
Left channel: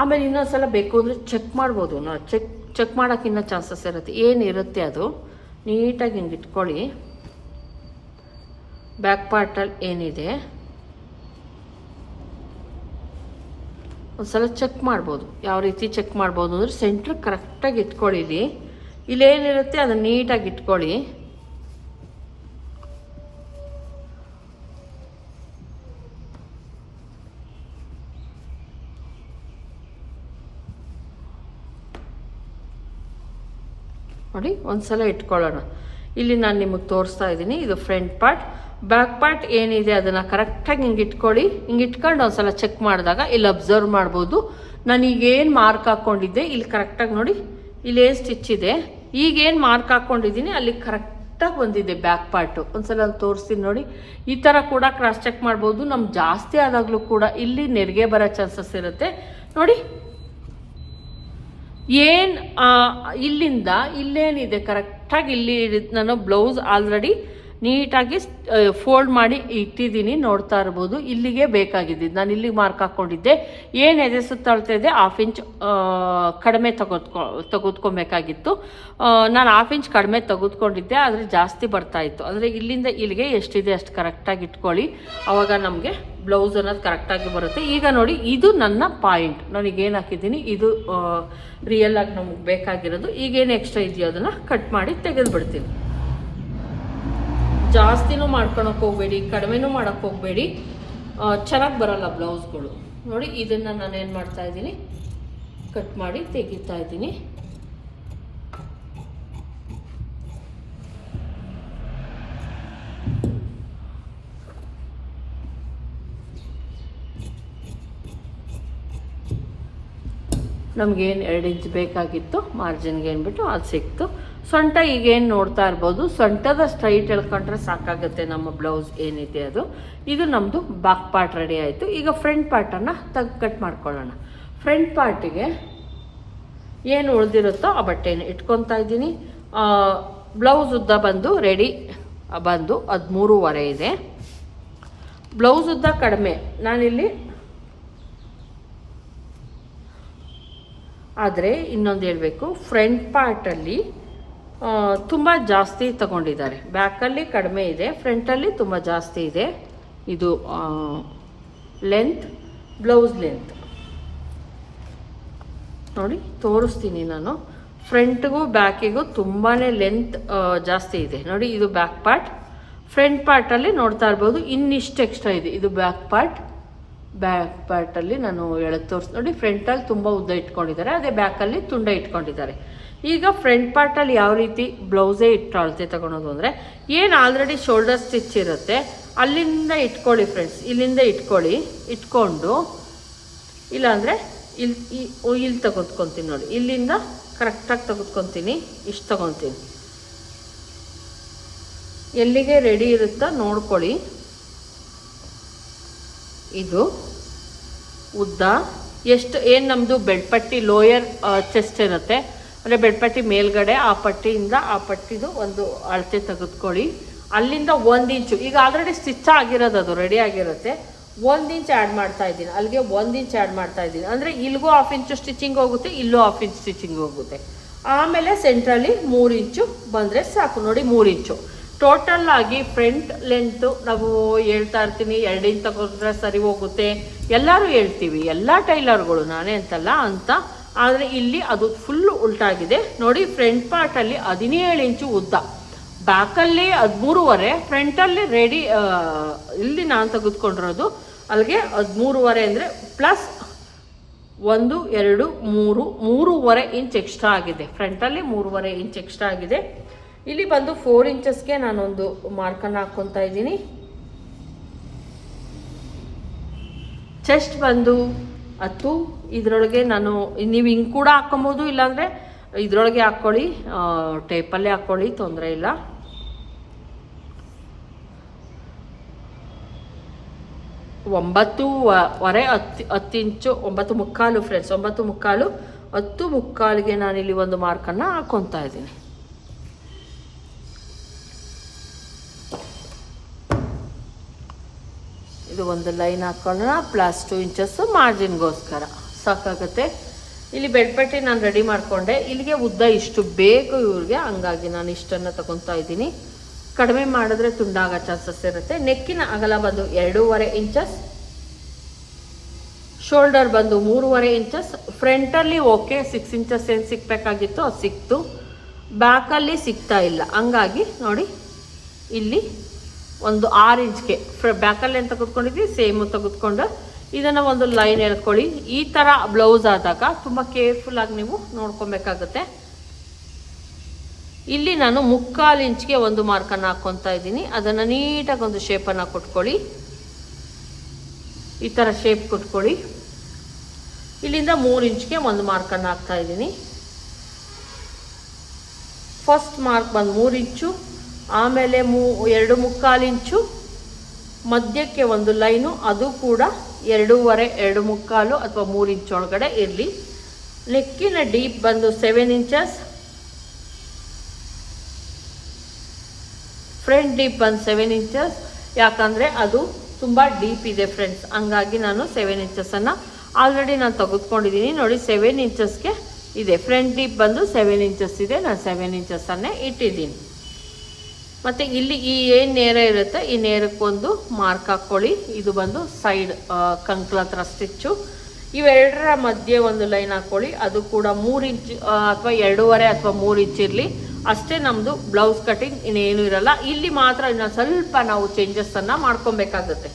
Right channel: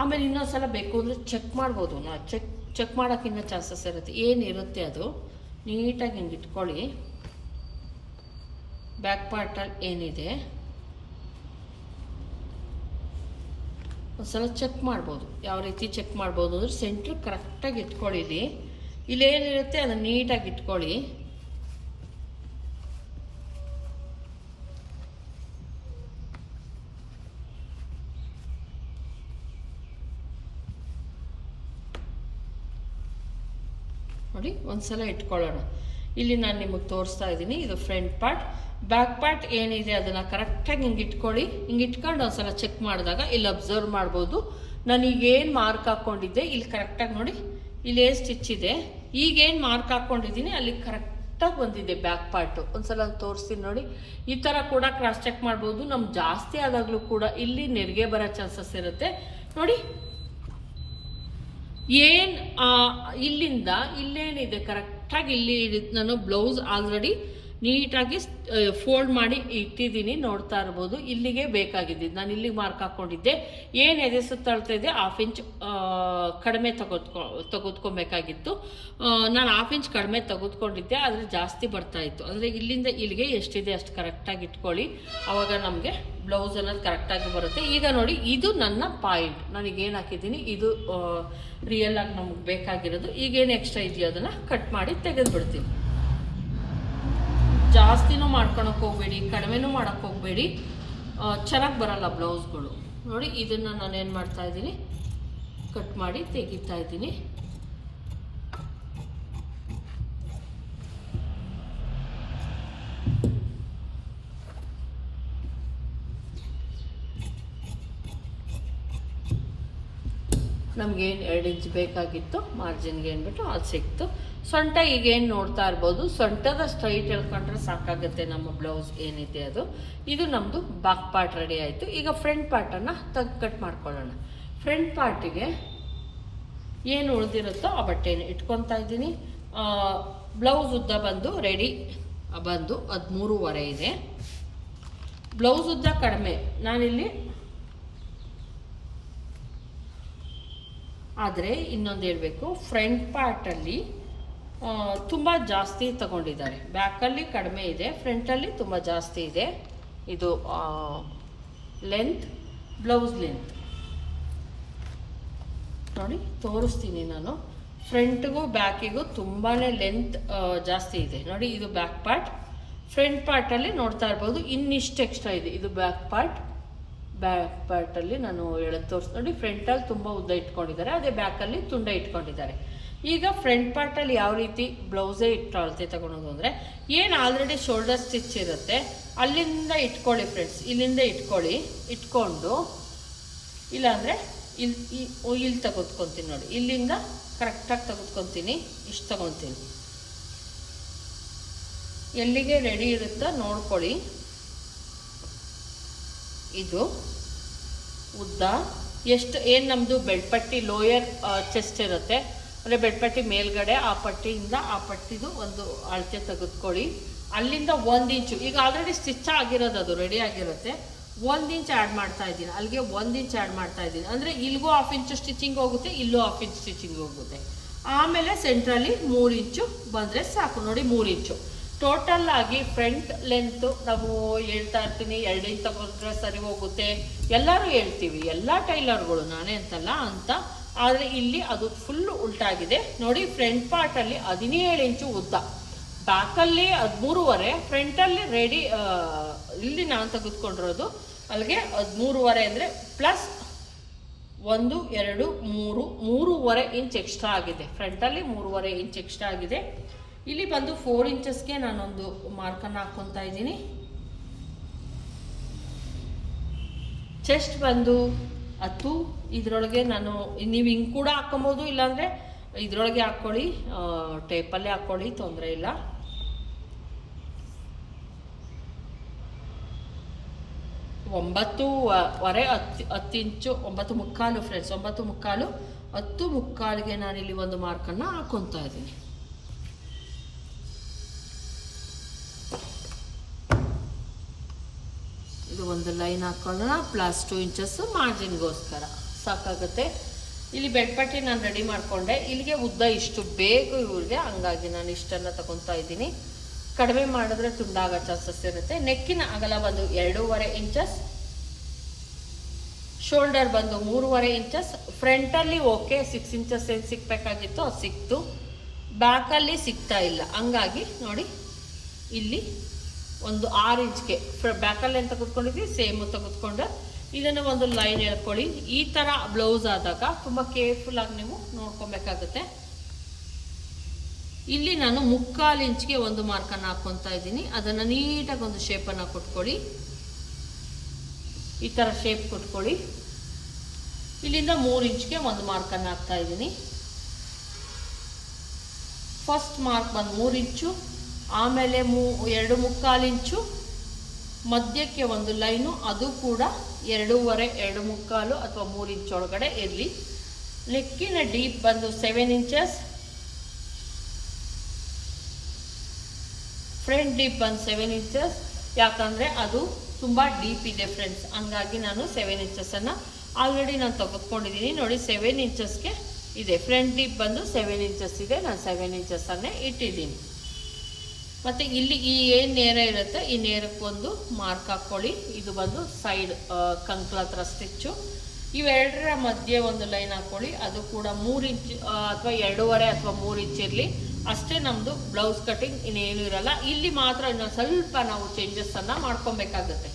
ಆಮೇಲೆ ಇನ್ನೊಂದ್ಸಲ ಬೇಕು ಅಂದರೆ ಚೆಕ್ ಮಾಡ್ಬೋದು. ನಾ ಚೆಕ್ ಚೆಕ್ ಮಾಡೋಕ್ಕಿನ್ನ ಚಾನ್ಸಸ್ ಇರುತ್ತೆ. ಏನಿರುತ್ತೆ ಅದು? ನೀಟಾಗಿ ಹಿಂಗೆ ಇಟ್ಕೊಳ್ಳಿ. ಬ್ಯಾಕ್ ಪಾರ್ಟಲ್ಲಿ ಏನಿದೆ? ಒಂದ್ಸಲ ಚೆಕ್ ಮಾಡ್ಬೋದು. ಯಾವ ರೀತಿ ಚೆಕ್ ಮಾಡ್ಬೋದು ಅಂದರೆ ಸೆಂಟ್ರ್ ಕರೆಕ್ಟಾಗಿ ಇಟ್ಕೊಳ್ಳಿಲಿ ಇಲ್ಲೇನಿರುತ್ತೆ ಅದನ್ನು ನೀಟಾಗಿ ಇಟ್ಕೊಳ್ಳಿ. ನೋಡಿ, ಒಂದ್ಸಲ ಇಟ್ಕೊಳ್ಳೋಣ. ಇಲ್ಲಿ ನಾನು ನಿಮಗೆ ತೋರಿಸ್ತಾ ಇದ್ದೀನಿ, ಇದು ಫ್ರಂಟ್ ಪಾರ್ಟ್ ಬ್ಯಾಕ್ ಪಾರ್ಟ್ ಏನಿದೆ ಅದನ್ನು ಕರೆಕ್ಟಾಗಿ ಹಿಂಗೆ ಇಟ್ಕೊಳ್ಳಿ. ಹಿಂಗೆ ಇಟ್ಕೊಂಡು ಒಂದ್ಸಲ ಚೆಕ್ ಮಾಡಿದಾಗ ಇಲ್ಲಿ ಅಬ್ಸರ್ವ್ ಮಾಡ್ಬೋದು. ನಾನು ಮಾರ್ಕ್ ಹಾಕ್ಕೊಂಡಿದ್ದೆ ಇಲ್ಲಿ ಕರೆಕ್ಟಾಗಿ ನೋಡಿ, ಇಲ್ಲಿ ಏನು ಸ್ಟಿಚ್ ಇದೆ. ಈಗೇನು ಮಾರ್ಕ್ ಹಾಕ್ಕೊಂಡಿದ್ದೀನಿ ಅಲ್ಲಿ ಕರೆಕ್ಟಾಗಿ ಬಂದಿದೆ ಬ್ಯಾಕ್ ಪಾರ್ಟು ಒಂದ್ಸಲ ತೋರಿಸ್ತೀನಿ ನೋಡಿ. ಈ ಥರ ಕೂಡ ಕ್ರಾಸ್ ಚೆಕ್ ಮಾಡ್ಬೋದು. ನಮ್ಗೆ ಜಾಸ್ತಿ ಆದಾಗಲೂ ಕೂಡ ಇಲ್ಲಿ ನೆರಿಗೆ ಬರೋ ಚಾನ್ಸಸ್ ಇರುತ್ತೆ. ನೋಡಿ ಏನು ಇಲ್ಲಿಂದ ಇಲ್ಲೇನಿದೆ ಕರೆಕ್ಟಾಗಿ ಇಲ್ಲಿ ನಾನು ಬ್ಲೌಸ್ ಆಲ್ರೆಡಿ ನೀಟಾಗಿ ಫೋಲ್ಡ್ ಮಾಡಿ ಇಟ್ಟಿದ್ದೀನಿ, ನೋಡ್ತಾ ಇರ್ಬೋದು. ಇಲ್ಲಿಗೆ ಬೇಕಾಗಿದ್ದು. ನಾನು ಇಲ್ಲಿಗೆ ಮಾರ್ಕ್ ಹಾಕ್ಕೊಂಡಿದ್ದೆ ಏನು ಎದೆ ಸುತ್ತಾಳ್ತಾ ಇದೆ ಹಾಫ್ ಇಂಚ್ ಕಡಿಮೆ ತೆಗೆದ್ಕೊ ತೆಗೆದ್ಕೊಬೇಕಾಗಿತ್ತು ನಾನು ಹಾಫ್ ಇಂಚ್ ಕಡಿಮೆ ತೆಗೆದುಕೊಂಡಿದ್ದೆ ಆದರೆ ಜಾಸ್ತಿ ಬರ್ತಾ ಇತ್ತು. ಅಂದರೆ ಇಲ್ಲಿಂದ ಇಲ್ಲಿಗೆ ಎಷ್ಟಿದೆ ಅಷ್ಟು ಕರೆಕ್ಟಾಗಿ ಇಟ್ಕೊಳ್ಳಿ. ಆವಾಗ ನಮಗೆ ಬ್ಲೌಸ್ ಅನ್ನೋದು ಕರೆಕ್ಟಾಗಿ ಬರುತ್ತೆ. ಈಗ ನೋಡಿ, ಇದು ನನ್ನ ಪಾಯಿಂಟ್ ನನಗೇನು ಹಾಕಿದ್ದೀನಿ? ಇದು ರಿಯಲ್ ಆಗಿ ನಮಗೆ ಬೇಕಾಗಿರೋದು. ಈಗೇನು ಎಕ್ಸ್ಟ್ರಾ ಇದೆಯೋ ಅದನ್ನು ಕಟ್ ಮಾಡಿ ತೆಗೆದು ಬಿಡ್ತೀನಿ ಜಾಸ್ತಿನೂ ಮಾಡ್ಕೊಳಕ್ಕೆ ಹೋಗಬೇಡಿ, ಕಡಿಮೆನೂ ಮಾಡೋಕ್ಕೆ ಹೋಗಬೇಡಿ. ಚೆನ್ನಾಗಿ ಬರಲ್ಲ ಬ್ಲೌಸ್ಗಳು. ನೋಡಿ, ಇದನ್ನು ನಾನು ಏನು ಮಾಡ್ತಾ ಇದ್ದೀನಿ, ಕಟ್ ಮಾಡಿ ತೆಗಿತಾ ಇದ್ದೀನಿ. ನಮಗೇನು ಎರಡು ಇಂಚ್ ಬೇಕಾಗಿತ್ತು ಮಾರ್ಜಿನ್ಗೆ ಏನ್ಬಿಟ್ಟು ಅದು ಸಿಕ್ತು. ಸೊಂಟ ಈಗೇನು ನೋಡ್ತಾ ಇರ್ಬೋದು ಸೊಂಟದ ಸ್ಟ್ರೈಟ್ ಎಳ್ಕೊಂಡ್ರೆ ಸಾಕಾಗುತ್ತೆ ನಮ್ಮ ಬ್ಲೌಸ್ ಏನಿದೆ ಅದು. ಇದು ನಮ್ಮದು ಬ್ಯಾಕ್ ಪಾರ್ಟ್ ರೆಡಿ ಆಯಿತು. ಈಗ ಫ್ರಂಟ್ ಪಾರ್ಟನ್ನು ತಗ್ ಕಟ್ ಮಾಡ್ಕೊಳ್ಳೋಣ. ಫ್ರಂಟ್ ಪಾರ್ಟಿಗೆ ಏನು ಉಳಿದಿರುತ್ತೋ ಆ ಬಟ್ಟೆನ ಇಟ್ಕೊತಾ ಇದ್ದೀನಿ. ಬ್ಲೌಸ್ ಉದ್ದ ಬಂದು ರೆಡಿ ಬಂದು ಹದಿಮೂರುವರೆ ಇದೆ. ಬ್ಲೌಸ್ ಉದ್ದ ಕಡಿಮೆ. ನಾನಿಲ್ಲಿ ಆದರೆ ಇನ್ನೊಂದು ಹೇಳಬೇಕು. ಫ್ರಂಟ್ ಪಾರ್ಟಲ್ಲಿ ತುಂಬ ಜಾಸ್ತಿ ತಗೊಂಡಿದ್ದಾರೆ. ಬ್ಯಾಕಲ್ಲಿ ಕಡಿಮೆ ಇದೆ, ಫ್ರಂಟಲ್ಲಿ ತುಂಬ ಜಾಸ್ತಿ ಇದೆ. ಇದು ಲೆಂತ್, ಬ್ಲೌಸ್ ಲೆಂತ್. ನೋಡಿ, ತೋರಿಸ್ತೀನಿ ನಾನು. ಫ್ರಂಟ್ಗೂ ಬ್ಯಾಕಿಗೂ ತುಂಬಾ ಲೆಂತ್ ಜಾಸ್ತಿ ಇದೆ. ನೋಡಿ, ಇದು ಬ್ಯಾಕ್ ಪಾರ್ಟ್. ಫ್ರಂಟ್ ಪಾರ್ಟಲ್ಲಿ ನೋಡ್ತಾ ಇರ್ಬೋದು, ಇನ್ನಿಷ್ಟು ಎಕ್ಸ್ಟ್ರಾ ಇದೆ. ಇದು ಬ್ಯಾಕ್ ಪಾರ್ಟ್. ಬ್ಯಾಕ್ ಪಾರ್ಟಲ್ಲಿ ನಾನು ಎಳೆ ತೋರಿಸ್, ನೋಡಿ, ಫ್ರಂಟಲ್ಲಿ ತುಂಬ ಉದ್ದ ಇಟ್ಕೊಂಡಿದ್ದಾರೆ, ಅದೇ ಬ್ಯಾಕಲ್ಲಿ ತುಂಡ ಇಟ್ಕೊಂಡಿದ್ದಾರೆ. ಈಗ ಫ್ರಂಟ್ ಪಾರ್ಟಲ್ಲಿ ಯಾವ ರೀತಿ ಬ್ಲೌಸೇ ಇಟ್ಟು ಅಳತೆ ತಗೊಳೋದು ಅಂದರೆ ಏನು ಆಲ್ರೆಡಿ ಶೋಲ್ಡರ್ ಸ್ಟಿಚ್ ಇರುತ್ತೆ, ಅಲ್ಲಿಂದ ಇಟ್ಕೊಳ್ಳಿ ಫ್ರೆಂಡ್ಸ್ ಇಲ್ಲಿಂದ ಇಟ್ಕೊಳ್ಳಿ, ಇಟ್ಕೊಂಡು, ಇಲ್ಲಾಂದರೆ ಇಲ್ಲಿ ಇಲ್ಲಿ ತಗೊತ್ಕೊತೀನಿ ನೋಡಿ, ಇಲ್ಲಿಂದ ಕರೆಕ್ಟಾಗಿ ತೆಗೆದ್ಕೊತೀನಿ, ಇಷ್ಟು ತಗೊತೀನಿ ಎಲ್ಲಿಗೆ ರೆಡಿ ಇರುತ್ತಾ ನೋಡ್ಕೊಳ್ಳಿ. ಇದು ಉದ್ದ, ಎಷ್ಟು, ಏನು ನಮ್ಮದು ಬೆಡ್ಪಟ್ಟಿ ಲೋಯರ್ ಚೆಸ್ಟ್ ಇರುತ್ತೆ ಅಂದರೆ ಬೆಡ್ಪಟ್ಟಿ ಮೇಲ್ಗಡೆ, ಆ ಪಟ್ಟಿಯಿಂದ ಆ ಪಟ್ಟಿದು ಒಂದು ಅಳತೆ ತೆಗೆದುಕೊಳ್ಳಿ. ಅಲ್ಲಿಂದ ಒಂದು ಇಂಚು, ಈಗ ಆಲ್ರೆಡಿ ಸ್ಟಿಚ್ ಆಗಿರೋದು ಅದು ರೆಡಿ ಆಗಿರುತ್ತೆ. ಒಂದು ಇಂಚ್ ಆ್ಯಡ್ ಮಾಡ್ತಾ ಇದ್ದೀನಿ. ಅಲ್ಲಿಗೆ ಒಂದು ಇಂಚ್ ಆ್ಯಡ್ ಮಾಡ್ತಾ ಇದ್ದೀನಿ. ಅಂದರೆ ಇಲ್ಲಿಗೂ ಹಾಫ್ ಇಂಚು ಸ್ಟಿಚಿಂಗ್ ಹೋಗುತ್ತೆ, ಇಲ್ಲೂ ಹಾಫ್ ಇಂಚ್ ಸ್ಟಿಚಿಂಗ್ ಹೋಗುತ್ತೆ. ಆಮೇಲೆ ಸೆಂಟ್ರಲ್ಲಿ ಮೂರು ಇಂಚು ಬಂದರೆ ಸಾಕು. ನೋಡಿ, ಮೂರು ಇಂಚು. ಟೋಟಲ್ ಆಗಿ ಫ್ರಂಟ್ ಲೆಂತ್ ನಾವು ಹೇಳ್ತಾ ಇರ್ತೀನಿ. ಎರಡು ಇಂಚ್ ತಗೊಂಡ್ರೆ ಸರಿ ಹೋಗುತ್ತೆ. ಎಲ್ಲರೂ ಹೇಳ್ತೀವಿ. ಎಲ್ಲ ಟೈಲರ್ಗಳು, ನಾನೇ ಅಂತಲ್ಲ, ಅಂತ ಆದರೆ ಇಲ್ಲಿ ಅದು ಫುಲ್ ಉಲ್ಟಾಗಿದೆ. ನೋಡಿ ಫ್ರಂಟ್ ಪಾರ್ಟಲ್ಲಿ ಹದಿನೇಳು ಇಂಚು ಉದ್ದ. ಬ್ಯಾಕಲ್ಲಿ ಹದಿಮೂರುವರೆ ಫ್ರಂಟಲ್ಲಿ ರೆಡಿ ಇಲ್ಲಿ ನಾನು ತೆಗೆದುಕೊಂಡಿರೋದು. ಅಲ್ಲಿಗೆ ಹದಿಮೂರುವರೆ ಅಂದರೆ ಪ್ಲಸ್ ಒಂದು, ಎರಡು, ಮೂರು, ಮೂರುವರೆ ಇಂಚ್ ಎಕ್ಸ್ಟ್ರಾ ಆಗಿದೆ. ಫ್ರಂಟಲ್ಲಿ ಮೂರುವರೆ ಇಂಚ್ ಎಕ್ಸ್ಟ್ರಾ ಆಗಿದೆ. ಇಲ್ಲಿ ಬಂದು ಫೋರ್ ಇಂಚಸ್ಗೆ ನಾನೊಂದು ಮಾರ್ಕನ್ನು ಹಾಕ್ಕೊತಾ ಇದ್ದೀನಿ. ಚೆಸ್ಟ್ ಬಂದು ಹತ್ತು. ಇದರೊಳಗೆ ನಾನು, ನೀವು ಹಿಂಗೆ ಕೂಡ ಹಾಕೊಬೋದು ಇಲ್ಲಾಂದರೆ ಇದರೊಳಗೆ ಹಾಕ್ಕೊಳ್ಳಿ. ಟೇಪಲ್ಲೇ ಹಾಕ್ಕೊಳ್ಳಿ, ತೊಂದರೆ ಇಲ್ಲ. ಒಂಬತ್ತು ವರೆ ಹತ್ತು ಹತ್ತು ಇಂಚು, ಒಂಬತ್ತು ಮುಕ್ಕಾಲು ಫ್ರೆಂಡ್ಸ್ ಒಂಬತ್ತು ಮುಕ್ಕಾಲು, ಹತ್ತು ಮುಕ್ಕಾಲಿಗೆ ನಾನಿಲ್ಲಿ ಒಂದು ಮಾರ್ಕನ್ನು ಹಾಕ್ಕೊತಾ ಇದ್ದೀನಿ. ಒಂದು ಲೈನ್ ಹಾಕ್ಕೊಳ್ಳೋಣ ಪ್ಲಸ್ ಟು ಇಂಚಸ್ಸು ಮಾರ್ಜಿನ್ಗೋಸ್ಕರ ಸಾಕಾಗುತ್ತೆ? ಇಲ್ಲಿ ಬೆಡ್ಪಟ್ಟಿ ನಾನು ರೆಡಿ ಮಾಡಿಕೊಂಡೆ. ಇಲ್ಲಿಗೆ ಉದ್ದ ಇಷ್ಟು ಬೇಕು ಇವ್ರಿಗೆ, ಹಂಗಾಗಿ ನಾನು ಇಷ್ಟನ್ನು ತಗೊತಾ ಇದ್ದೀನಿ. ಕಡಿಮೆ ಮಾಡಿದ್ರೆ ತುಂಡಾಗೋ ಚಾನ್ಸಸ್ ಇರುತ್ತೆ. ನೆಕ್ಕಿನ ಅಗಲ ಬಂದು ಎರಡೂವರೆ ಇಂಚಸ್ ಶೋಲ್ಡರ್ ಬಂದು ಮೂರುವರೆ ಇಂಚಸ್ ಫ್ರಂಟಲ್ಲಿ ಓಕೆ ಸಿಕ್ಸ್ ಇಂಚಸ್ ಏನು ಸಿಕ್ಬೇಕಾಗಿತ್ತು ಅದು ಸಿಕ್ತು ಬ್ಯಾಕಲ್ಲಿ ಸಿಗ್ತಾ ಇಲ್ಲ. ಹಂಗಾಗಿ ನೋಡಿ, ಇಲ್ಲಿ ಒಂದು ಆರು ಇಂಚ್ಗೆ ಫ್ರ ಬ್ಯಾಕಲ್ಲಿ ಏನು ತೆಗೆದುಕೊಂಡಿದ್ವಿ ಸೇಮು ತೆಗೆದುಕೊಂಡು ಇದನ್ನು ಒಂದು ಲೈನ್ ಎಳ್ಕೊಳ್ಳಿ. ಈ ಥರ ಬ್ಲೌಸ್ ಆದಾಗ ತುಂಬ ಕೇರ್ಫುಲ್ಲಾಗಿ ನೀವು ನೋಡ್ಕೊಬೇಕಾಗತ್ತೆ. ಇಲ್ಲಿ ನಾನು ಮುಕ್ಕಾಲು ಇಂಚ್ಗೆ ಒಂದು ಮಾರ್ಕನ್ನು ಹಾಕ್ಕೊತಾ ಇದ್ದೀನಿ. ಅದನ್ನು ನೀಟಾಗಿ ಒಂದು ಶೇಪನ್ನು ಕೊಟ್ಕೊಳ್ಳಿ. ಈ ಥರ ಶೇಪ್ ಕೊಟ್ಕೊಳ್ಳಿ. ಇಲ್ಲಿಂದ ಮೂರು ಇಂಚ್ಗೆ ಒಂದು ಮಾರ್ಕನ್ನು ಹಾಕ್ತಾ ಇದ್ದೀನಿ. ಫಸ್ಟ್ ಮಾರ್ಕ್ ಬಂದು ಮೂರು ಇಂಚು. ಆಮೇಲೆ ಮೂ, ಎರಡು ಮುಕ್ಕಾಲು ಇಂಚು ಮಧ್ಯಕ್ಕೆ ಒಂದು ಲೈನು, ಅದು ಕೂಡ ಎರಡೂವರೆ, ಎರಡು ಮುಕ್ಕಾಲು ಅಥವಾ ಮೂರು ಇಂಚು ಒಳಗಡೆ ಇರಲಿ. ನೆಕ್ಕಿನ ಡೀಪ್ ಬಂದು ಸೆವೆನ್ ಇಂಚಸ್ ಫ್ರಂಟ್ ಡೀಪ್ ಬಂದು ಸೆವೆನ್ ಇಂಚಸ್ ಯಾಕಂದರೆ ಅದು ತುಂಬ ಡೀಪ್ ಇದೆ ಫ್ರೆಂಡ್ಸ್ ಹಂಗಾಗಿ ನಾನು ಸೆವೆನ್ ಇಂಚಸನ್ನು ಆಲ್ರೆಡಿ ನಾನು ತೆಗೆದುಕೊಂಡಿದ್ದೀನಿ ನೋಡಿ ಸೆವೆನ್ ಇಂಚಸ್ಗೆ ಇದೆ. ಫ್ರಂಟ್ ಡೀಪ್ ಬಂದು ಸೆವೆನ್ ಇಂಚಸ್ ಇದೆ. ನಾನು ಸೆವೆನ್ ಇಂಚಸ್ಸನ್ನೇ ಇಟ್ಟಿದ್ದೀನಿ. ಮತ್ತು ಇಲ್ಲಿ ಈ ಏನ್ ನೇರ ಇರುತ್ತೆ? ಈ ನೇರಕ್ಕೊಂದು ಮಾರ್ಕ್ ಹಾಕೊಳ್ಳಿ. ಇದು ಬಂದು ಸೈಡ್ ಕಂಕ್ಲ ಹತ್ರ ಸ್ಟಿಚ್ಚು. ಇವೆರಡರ ಮಧ್ಯೆ ಒಂದು ಲೈನ್ ಹಾಕೊಳ್ಳಿ. ಅದು ಕೂಡ ಮೂರು ಇಂಚ್ ಅಥವಾ ಎರಡೂವರೆ ಅಥವಾ ಮೂರು ಇಂಚ್ ಇರಲಿ. ಅಷ್ಟೇ ನಮ್ಮದು ಬ್ಲೌಸ್ ಕಟಿಂಗ್ ಇನ್ನೇನು ಇರಲ್ಲ. ಇಲ್ಲಿ ಮಾತ್ರ ಸ್ವಲ್ಪ ನಾವು ಚೇಂಜಸ್ಸನ್ನು ಮಾಡ್ಕೊಬೇಕಾಗುತ್ತೆ.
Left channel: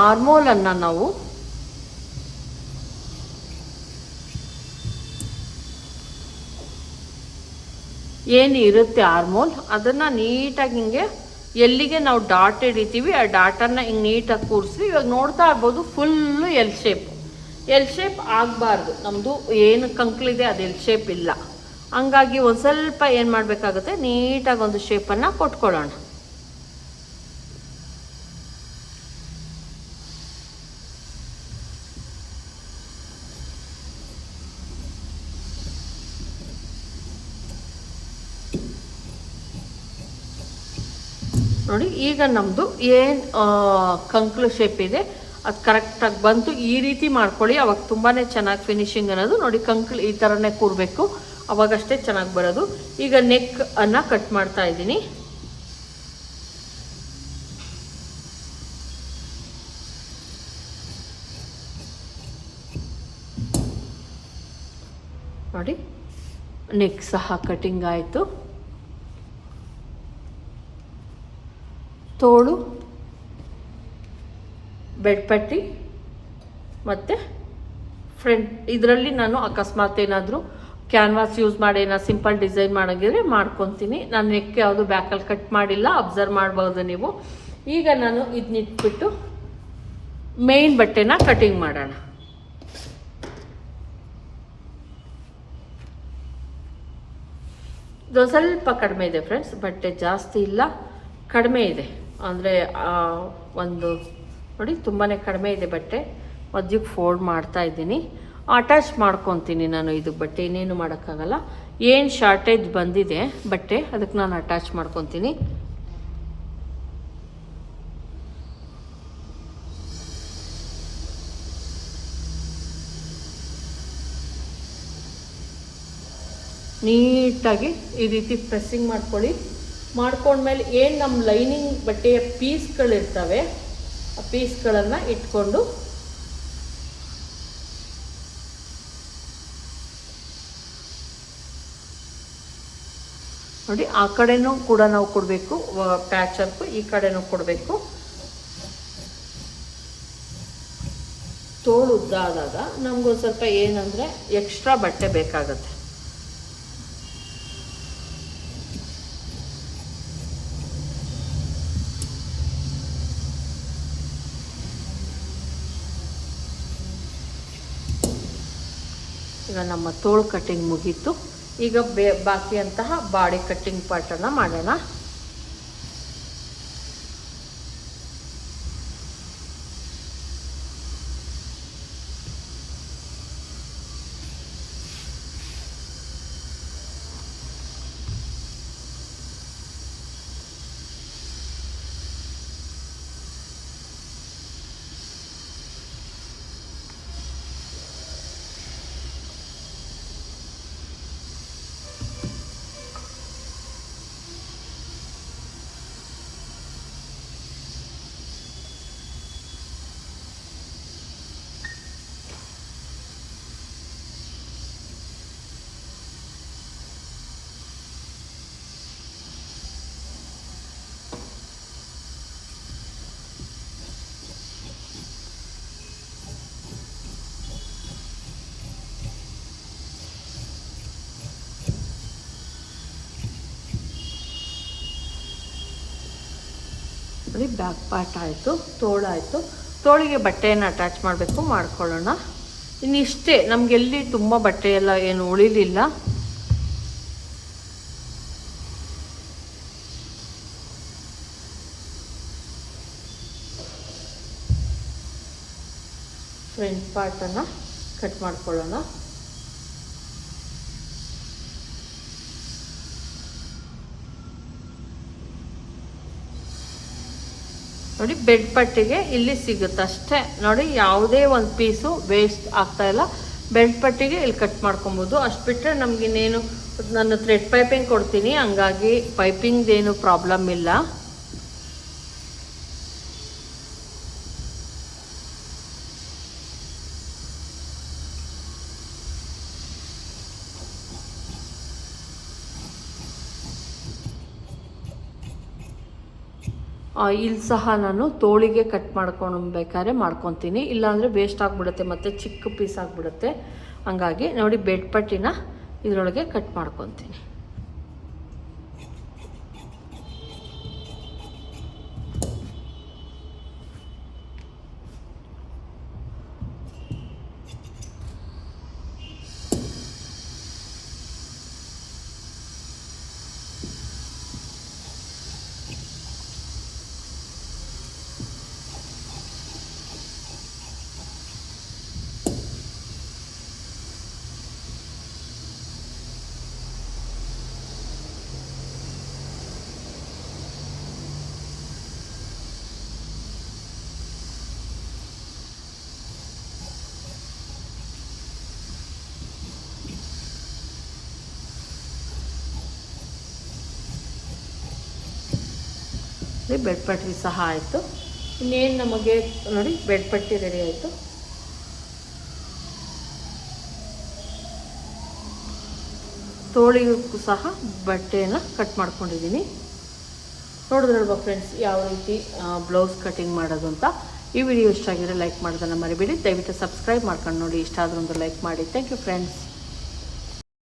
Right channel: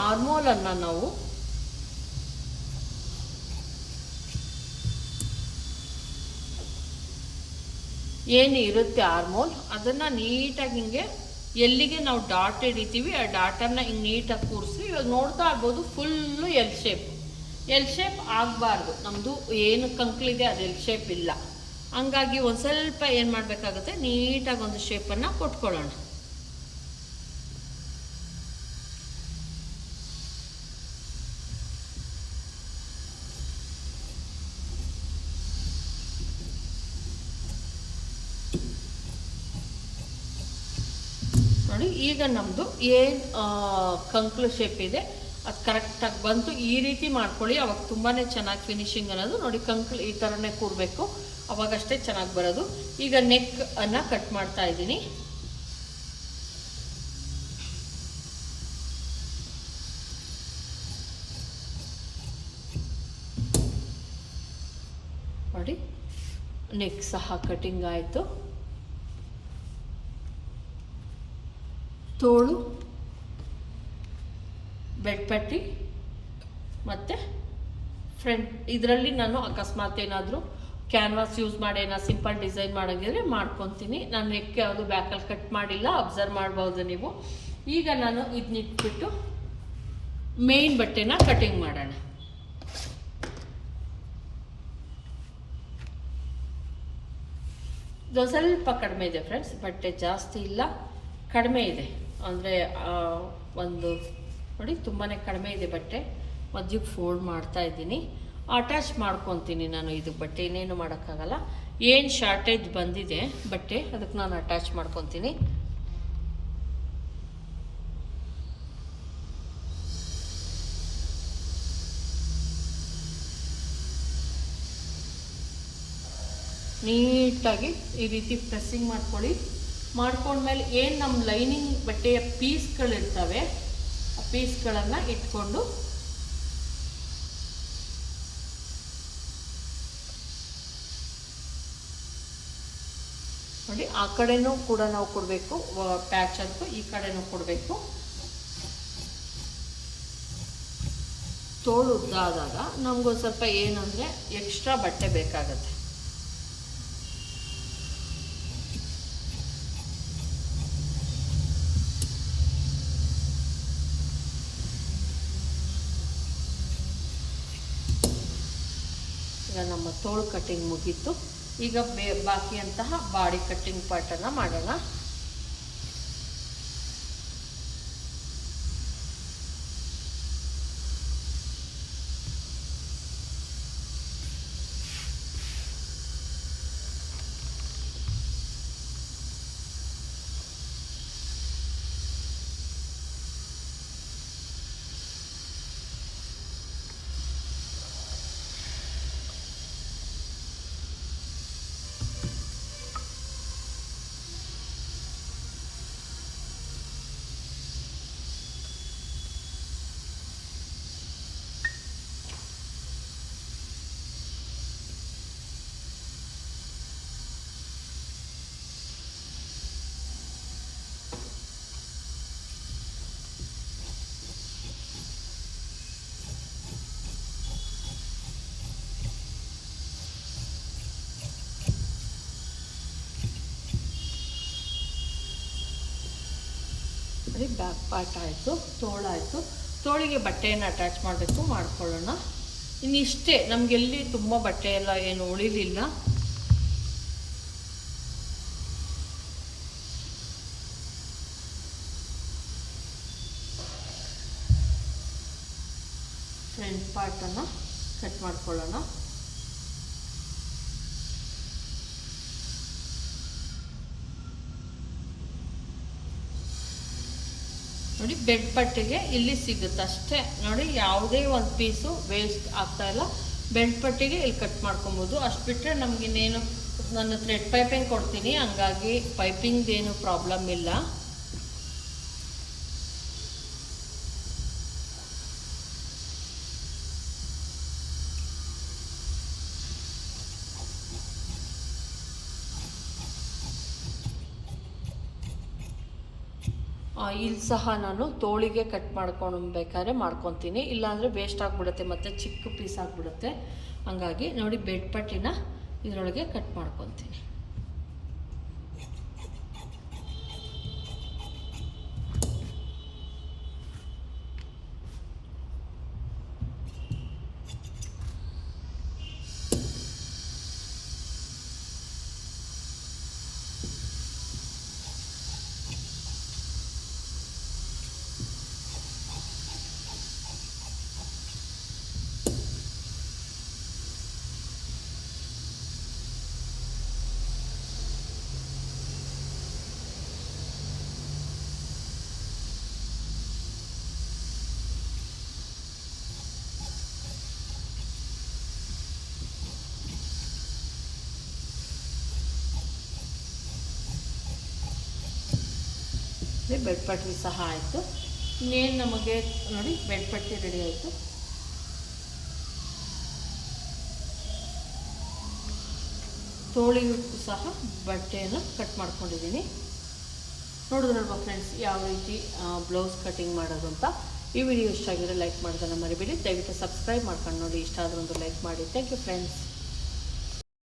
ಅನ್ನ ನಾವು ಏನು ಇರುತ್ತೆ ಹಾರ್ಮೋನ್? ಅದನ್ನ ನೀಟಾಗಿ ಹಿಂಗೆ ಎಲ್ಲಿಗೆ ನಾವು ಡಾಟ್ ಹಿಡಿತೀವಿ, ಆ ಡಾಟನ್ನು ಹಿಂಗೆ ನೀಟಾಗಿ ಕೂರಿಸಿ, ಇವಾಗ ನೋಡ್ತಾ ಇರ್ಬೋದು full L shape L shape ಆಗಬಾರ್ದು. ನಮ್ಮದು ಏನು ಕಂಕ್ಲಿದೆ ಅದು ಎಲ್ ಶೇಪ್ ಇಲ್ಲ. ಹಂಗಾಗಿ ಒಂದು ಸ್ವಲ್ಪ ಏನು ಮಾಡಬೇಕಾಗುತ್ತೆ? ನೀಟಾಗಿ ಒಂದು ಶೇಪನ್ನು ಕೊಟ್ಕೊಳ್ಳೋಣ ನೋಡಿ ಈಗ ನಮ್ಮದು ಏನು ಕಂಕ್ಲು ಶೇಪ್ ಇದೆ, ಅದು ಕರೆಕ್ಟಾಗಿ ಬಂತು. ಈ ರೀತಿ ಮಾಡ್ಕೊಳ್ಳಿ. ಅವಾಗ ತುಂಬಾ ಚೆನ್ನಾಗಿ ಫಿನಿಶಿಂಗ್ ಅನ್ನೋದು ನೋಡಿ ಕಂಕ್ಲು ಈ ಥರನೇ ಕೂರಬೇಕು. ಅವಾಗಷ್ಟೇ ಚೆನ್ನಾಗಿ ಬರೋದು. ಈಗ ನೆಕ್ ಅನ್ನು ಕಟ್ ಮಾಡ್ತಾ ಇದ್ದೀನಿ. ನೋಡಿ ನೆಕ್ ಸಹ ಕಟಿಂಗ್ ಆಯಿತು. ತೋಳು ಬೆಡ್ಪಟ್ಟಿ ಮತ್ತು ಫ್ರಂಟ್ ಇದರಲ್ಲಿ ನಾನು ಅಕಸ್ಮಾತ್ ಏನಾದರೂ ಕ್ಯಾನ್ವಾಸ್ ಯೂಸ್ ಮಾಡಿ, ಏನಾದ್ರು ಸಿಂಪಲ್ ಡಿಸೈನ್ ಮಾಡೋಂಗಿದ್ರೆ ಮಾಡ್ಕೊತೀನಿ. ನಾನು ನೆಕ್ ಯಾವುದು ಬ್ಯಾಕಲ್ಲಿ ಕಟ್ ಮಾಡಿಲ್ಲ ಅಬ್ಸರ್ವ್ ಮಾಡ್ಬೋದು ನೀವು. ಈಗ ನಾನು ಇದನ್ನಿಟ್ಬಿಟ್ಟು ಮೇನ್ ಬಟ್ಟೆನ ಕಟಿಂಗ್ ಮಾಡೋಣ. ಇದು ಸ್ವಲ್ಪ ಕಡಿಮೆ ಇದೆ ಫ್ರೆಂಡ್ಸ್ ಬಟ್ಟೆ ಜಾಸ್ತಿ ಇಲ್ಲ, ಕಡಿಮೆ ಇದೆ. ಅಂದರೆ ಒಂದು, ನೋಡಿ ತುಂಬಾ ಕಡಿಮೆ ಇದೆ ಬಟ್ಟೆ. ಮಧ್ಯಕ್ಕೆ ಫೋಲ್ಡ್ ಮಾಡ್ತಾ ಇದ್ದೀನಿ. ಅಟ್ಯಾಚ್ ಮಾಡ್ಕೊತೀನಿ ನಾನು ಇದು ಬಟ್ಟೆ, ಇನ್ನೇನು ಮಾಡೋಕ್ಕಾಗಲ್ಲ. ಏನು ಶಾರ್ಟೇಜ್ ಬಂದಿದೆ ಬಟ್ಟೆ ಅದಕ್ಕೆ ನಾನು ಅಟ್ಯಾಚ್ ಮಾಡ್ಕೊತೀನಿ. ನೀಟಾಗಿ ಈ ರೀತಿ ಪ್ರೆಸ್ಸಿಂಗ್ ಮಾಡ್ಕೊಳ್ಳಿ. ಮಾಡ್ಕೊಂಡ್ಮೇಲೆ ಏನು ನಮ್ಮ ಲೈನಿಂಗ್ ಬಟ್ಟೆಯ ಪೀಸ್ಗಳಿರ್ತವೆ, ಆ ಪೀಸ್ಗಳನ್ನು ಇಟ್ಕೊಂಡು ನೋಡಿ, ಆ ಕಡೆನೂ ಕೂಡ ನಾವು ಕೊಡಬೇಕು ಪ್ಯಾಚ್ ವರ್ಕು ಈ ಕಡೆನೂ ಕೊಡಬೇಕು. ತೋಳು ಉದ್ದಾದಾಗ ನಮ್ಗೊಂದು ಸ್ವಲ್ಪ ಏನಂದರೆ ಎಕ್ಸ್ಟ್ರಾ ಬಟ್ಟೆ ಬೇಕಾಗುತ್ತೆ ಈಗ ತೋಳು ಕಟ್ಟಿಂಗ್ ಮುಗೀತು. ಈಗ ಬೇ ಬಾಕಿಯಂತಹ ಬಾಡಿ ಕಟ್ಟಿಂಗ್ ಪಾರ್ಟನ್ನು ಮಾಡೋಣ. ಬ್ಯಾಕ್ ಪಾರ್ಟ್ ಆಯಿತು, ತೋಳಾಯಿತು. ತೋಳಿಗೆ ಬಟ್ಟೆಯನ್ನು ಅಟ್ಯಾಚ್ ಮಾಡಬೇಕು, ಮಾಡ್ಕೊಳ್ಳೋಣ. ಇನ್ನಿಷ್ಟೇ, ನಮಗೆಲ್ಲಿ ತುಂಬ ಬಟ್ಟೆ ಎಲ್ಲ ಏನು ಉಳಿಲಿಲ್ಲ. ಫ್ರಂಟ್ ಪಾರ್ಟನ್ನು ಕಟ್ ಮಾಡ್ಕೊಳ್ಳೋಣ. ನೋಡಿ ಬೆಡ್ ಪಟ್ಟಿಗೆ ಇಲ್ಲಿ ಸಿಗುತ್ತೆ ಅಷ್ಟೇ. ನೋಡಿ, ಯಾವುದೇ ಒಂದು ಪೀಸು ವೇಸ್ಟ್ ಆಗ್ತಾ ಇಲ್ಲ. ಬೆಡ್ ಪಟ್ಟಿಗೆ ಇಲ್ಲಿ ಕಟ್ ಮಾಡ್ಕೊಬೋದು. ಅಷ್ಟು ಬಿಟ್ಟರೆ ನಮಗಿನ್ನೇನು ನಾನು ಥ್ರೆಡ್ ಪೈಪಿಂಗ್ ಕೊಡ್ತೀನಿ. ಹಂಗಾಗಿ ಪೈಪಿಂಗ್ದೇನು ಪ್ರಾಬ್ಲಮ್ ಇಲ್ಲ. ಇಲ್ಲಿ ಸಹ ನಾನು ತೋಳಿಗೆ ಕಟ್ ಮಾಡ್ಕೊಳ್ಬೇಕಾದ್ರೆ ಮಾಡ್ಕೊತೀನಿ. ಇಲ್ಲಾಂದರೆ ವೇಸ್ಟ್ ಆಗಿಬಿಡುತ್ತೆ ಮತ್ತು ಚಿಕ್ಕ ಪೀಸ್ ಆಗಿಬಿಡುತ್ತೆ. ಹಂಗಾಗಿ ನೋಡಿ ಬೆಡ್ಪಟ್ಟಿನ ಇದರೊಳಗೆ ಕಟ್ ಮಾಡ್ಕೊತೀನಿ. ಬೆಡ್ ಪಟ್ಟಿ ಸಹ ಆಯಿತು. ಇನ್ನೇನು ನಮಗೆ, ನೋಡಿ ಬೆಡ್ ಪಟ್ಟಿ ರೆಡಿ ಆಯಿತು. ತೋಳಿಗೂ ಸಹ ಬಟ್ಟೆಯನ್ನು ಕಟ್ ಮಾಡ್ಕೊಂಡಿದ್ದೀನಿ ನೋಡಿದ್ರಲ್ವ ಫ್ರೆಂಡ್ಸ್ ಯಾವ ರೀತಿ ಬ್ಲೌಸ್ ಕಟಿಂಗ್ ಮಾಡೋದು ಅಂತ. ಈ ವಿಡಿಯೋ ಇಷ್ಟ ಆಗಿದ್ರೆ ಲೈಕ್ ಮಾಡೋದನ್ನು ಮರಿಬೇಡಿ. ದಯವಿಟ್ಟು ಸಬ್ಸ್ಕ್ರೈಬ್ ಮಾಡ್ಕೊಂಡು ನೋಡಿ. ಇಷ್ಟ ಆದ್ರೆ ಒಂದು ಲೈಕ್ ಮಾಡಿ. Thank you friends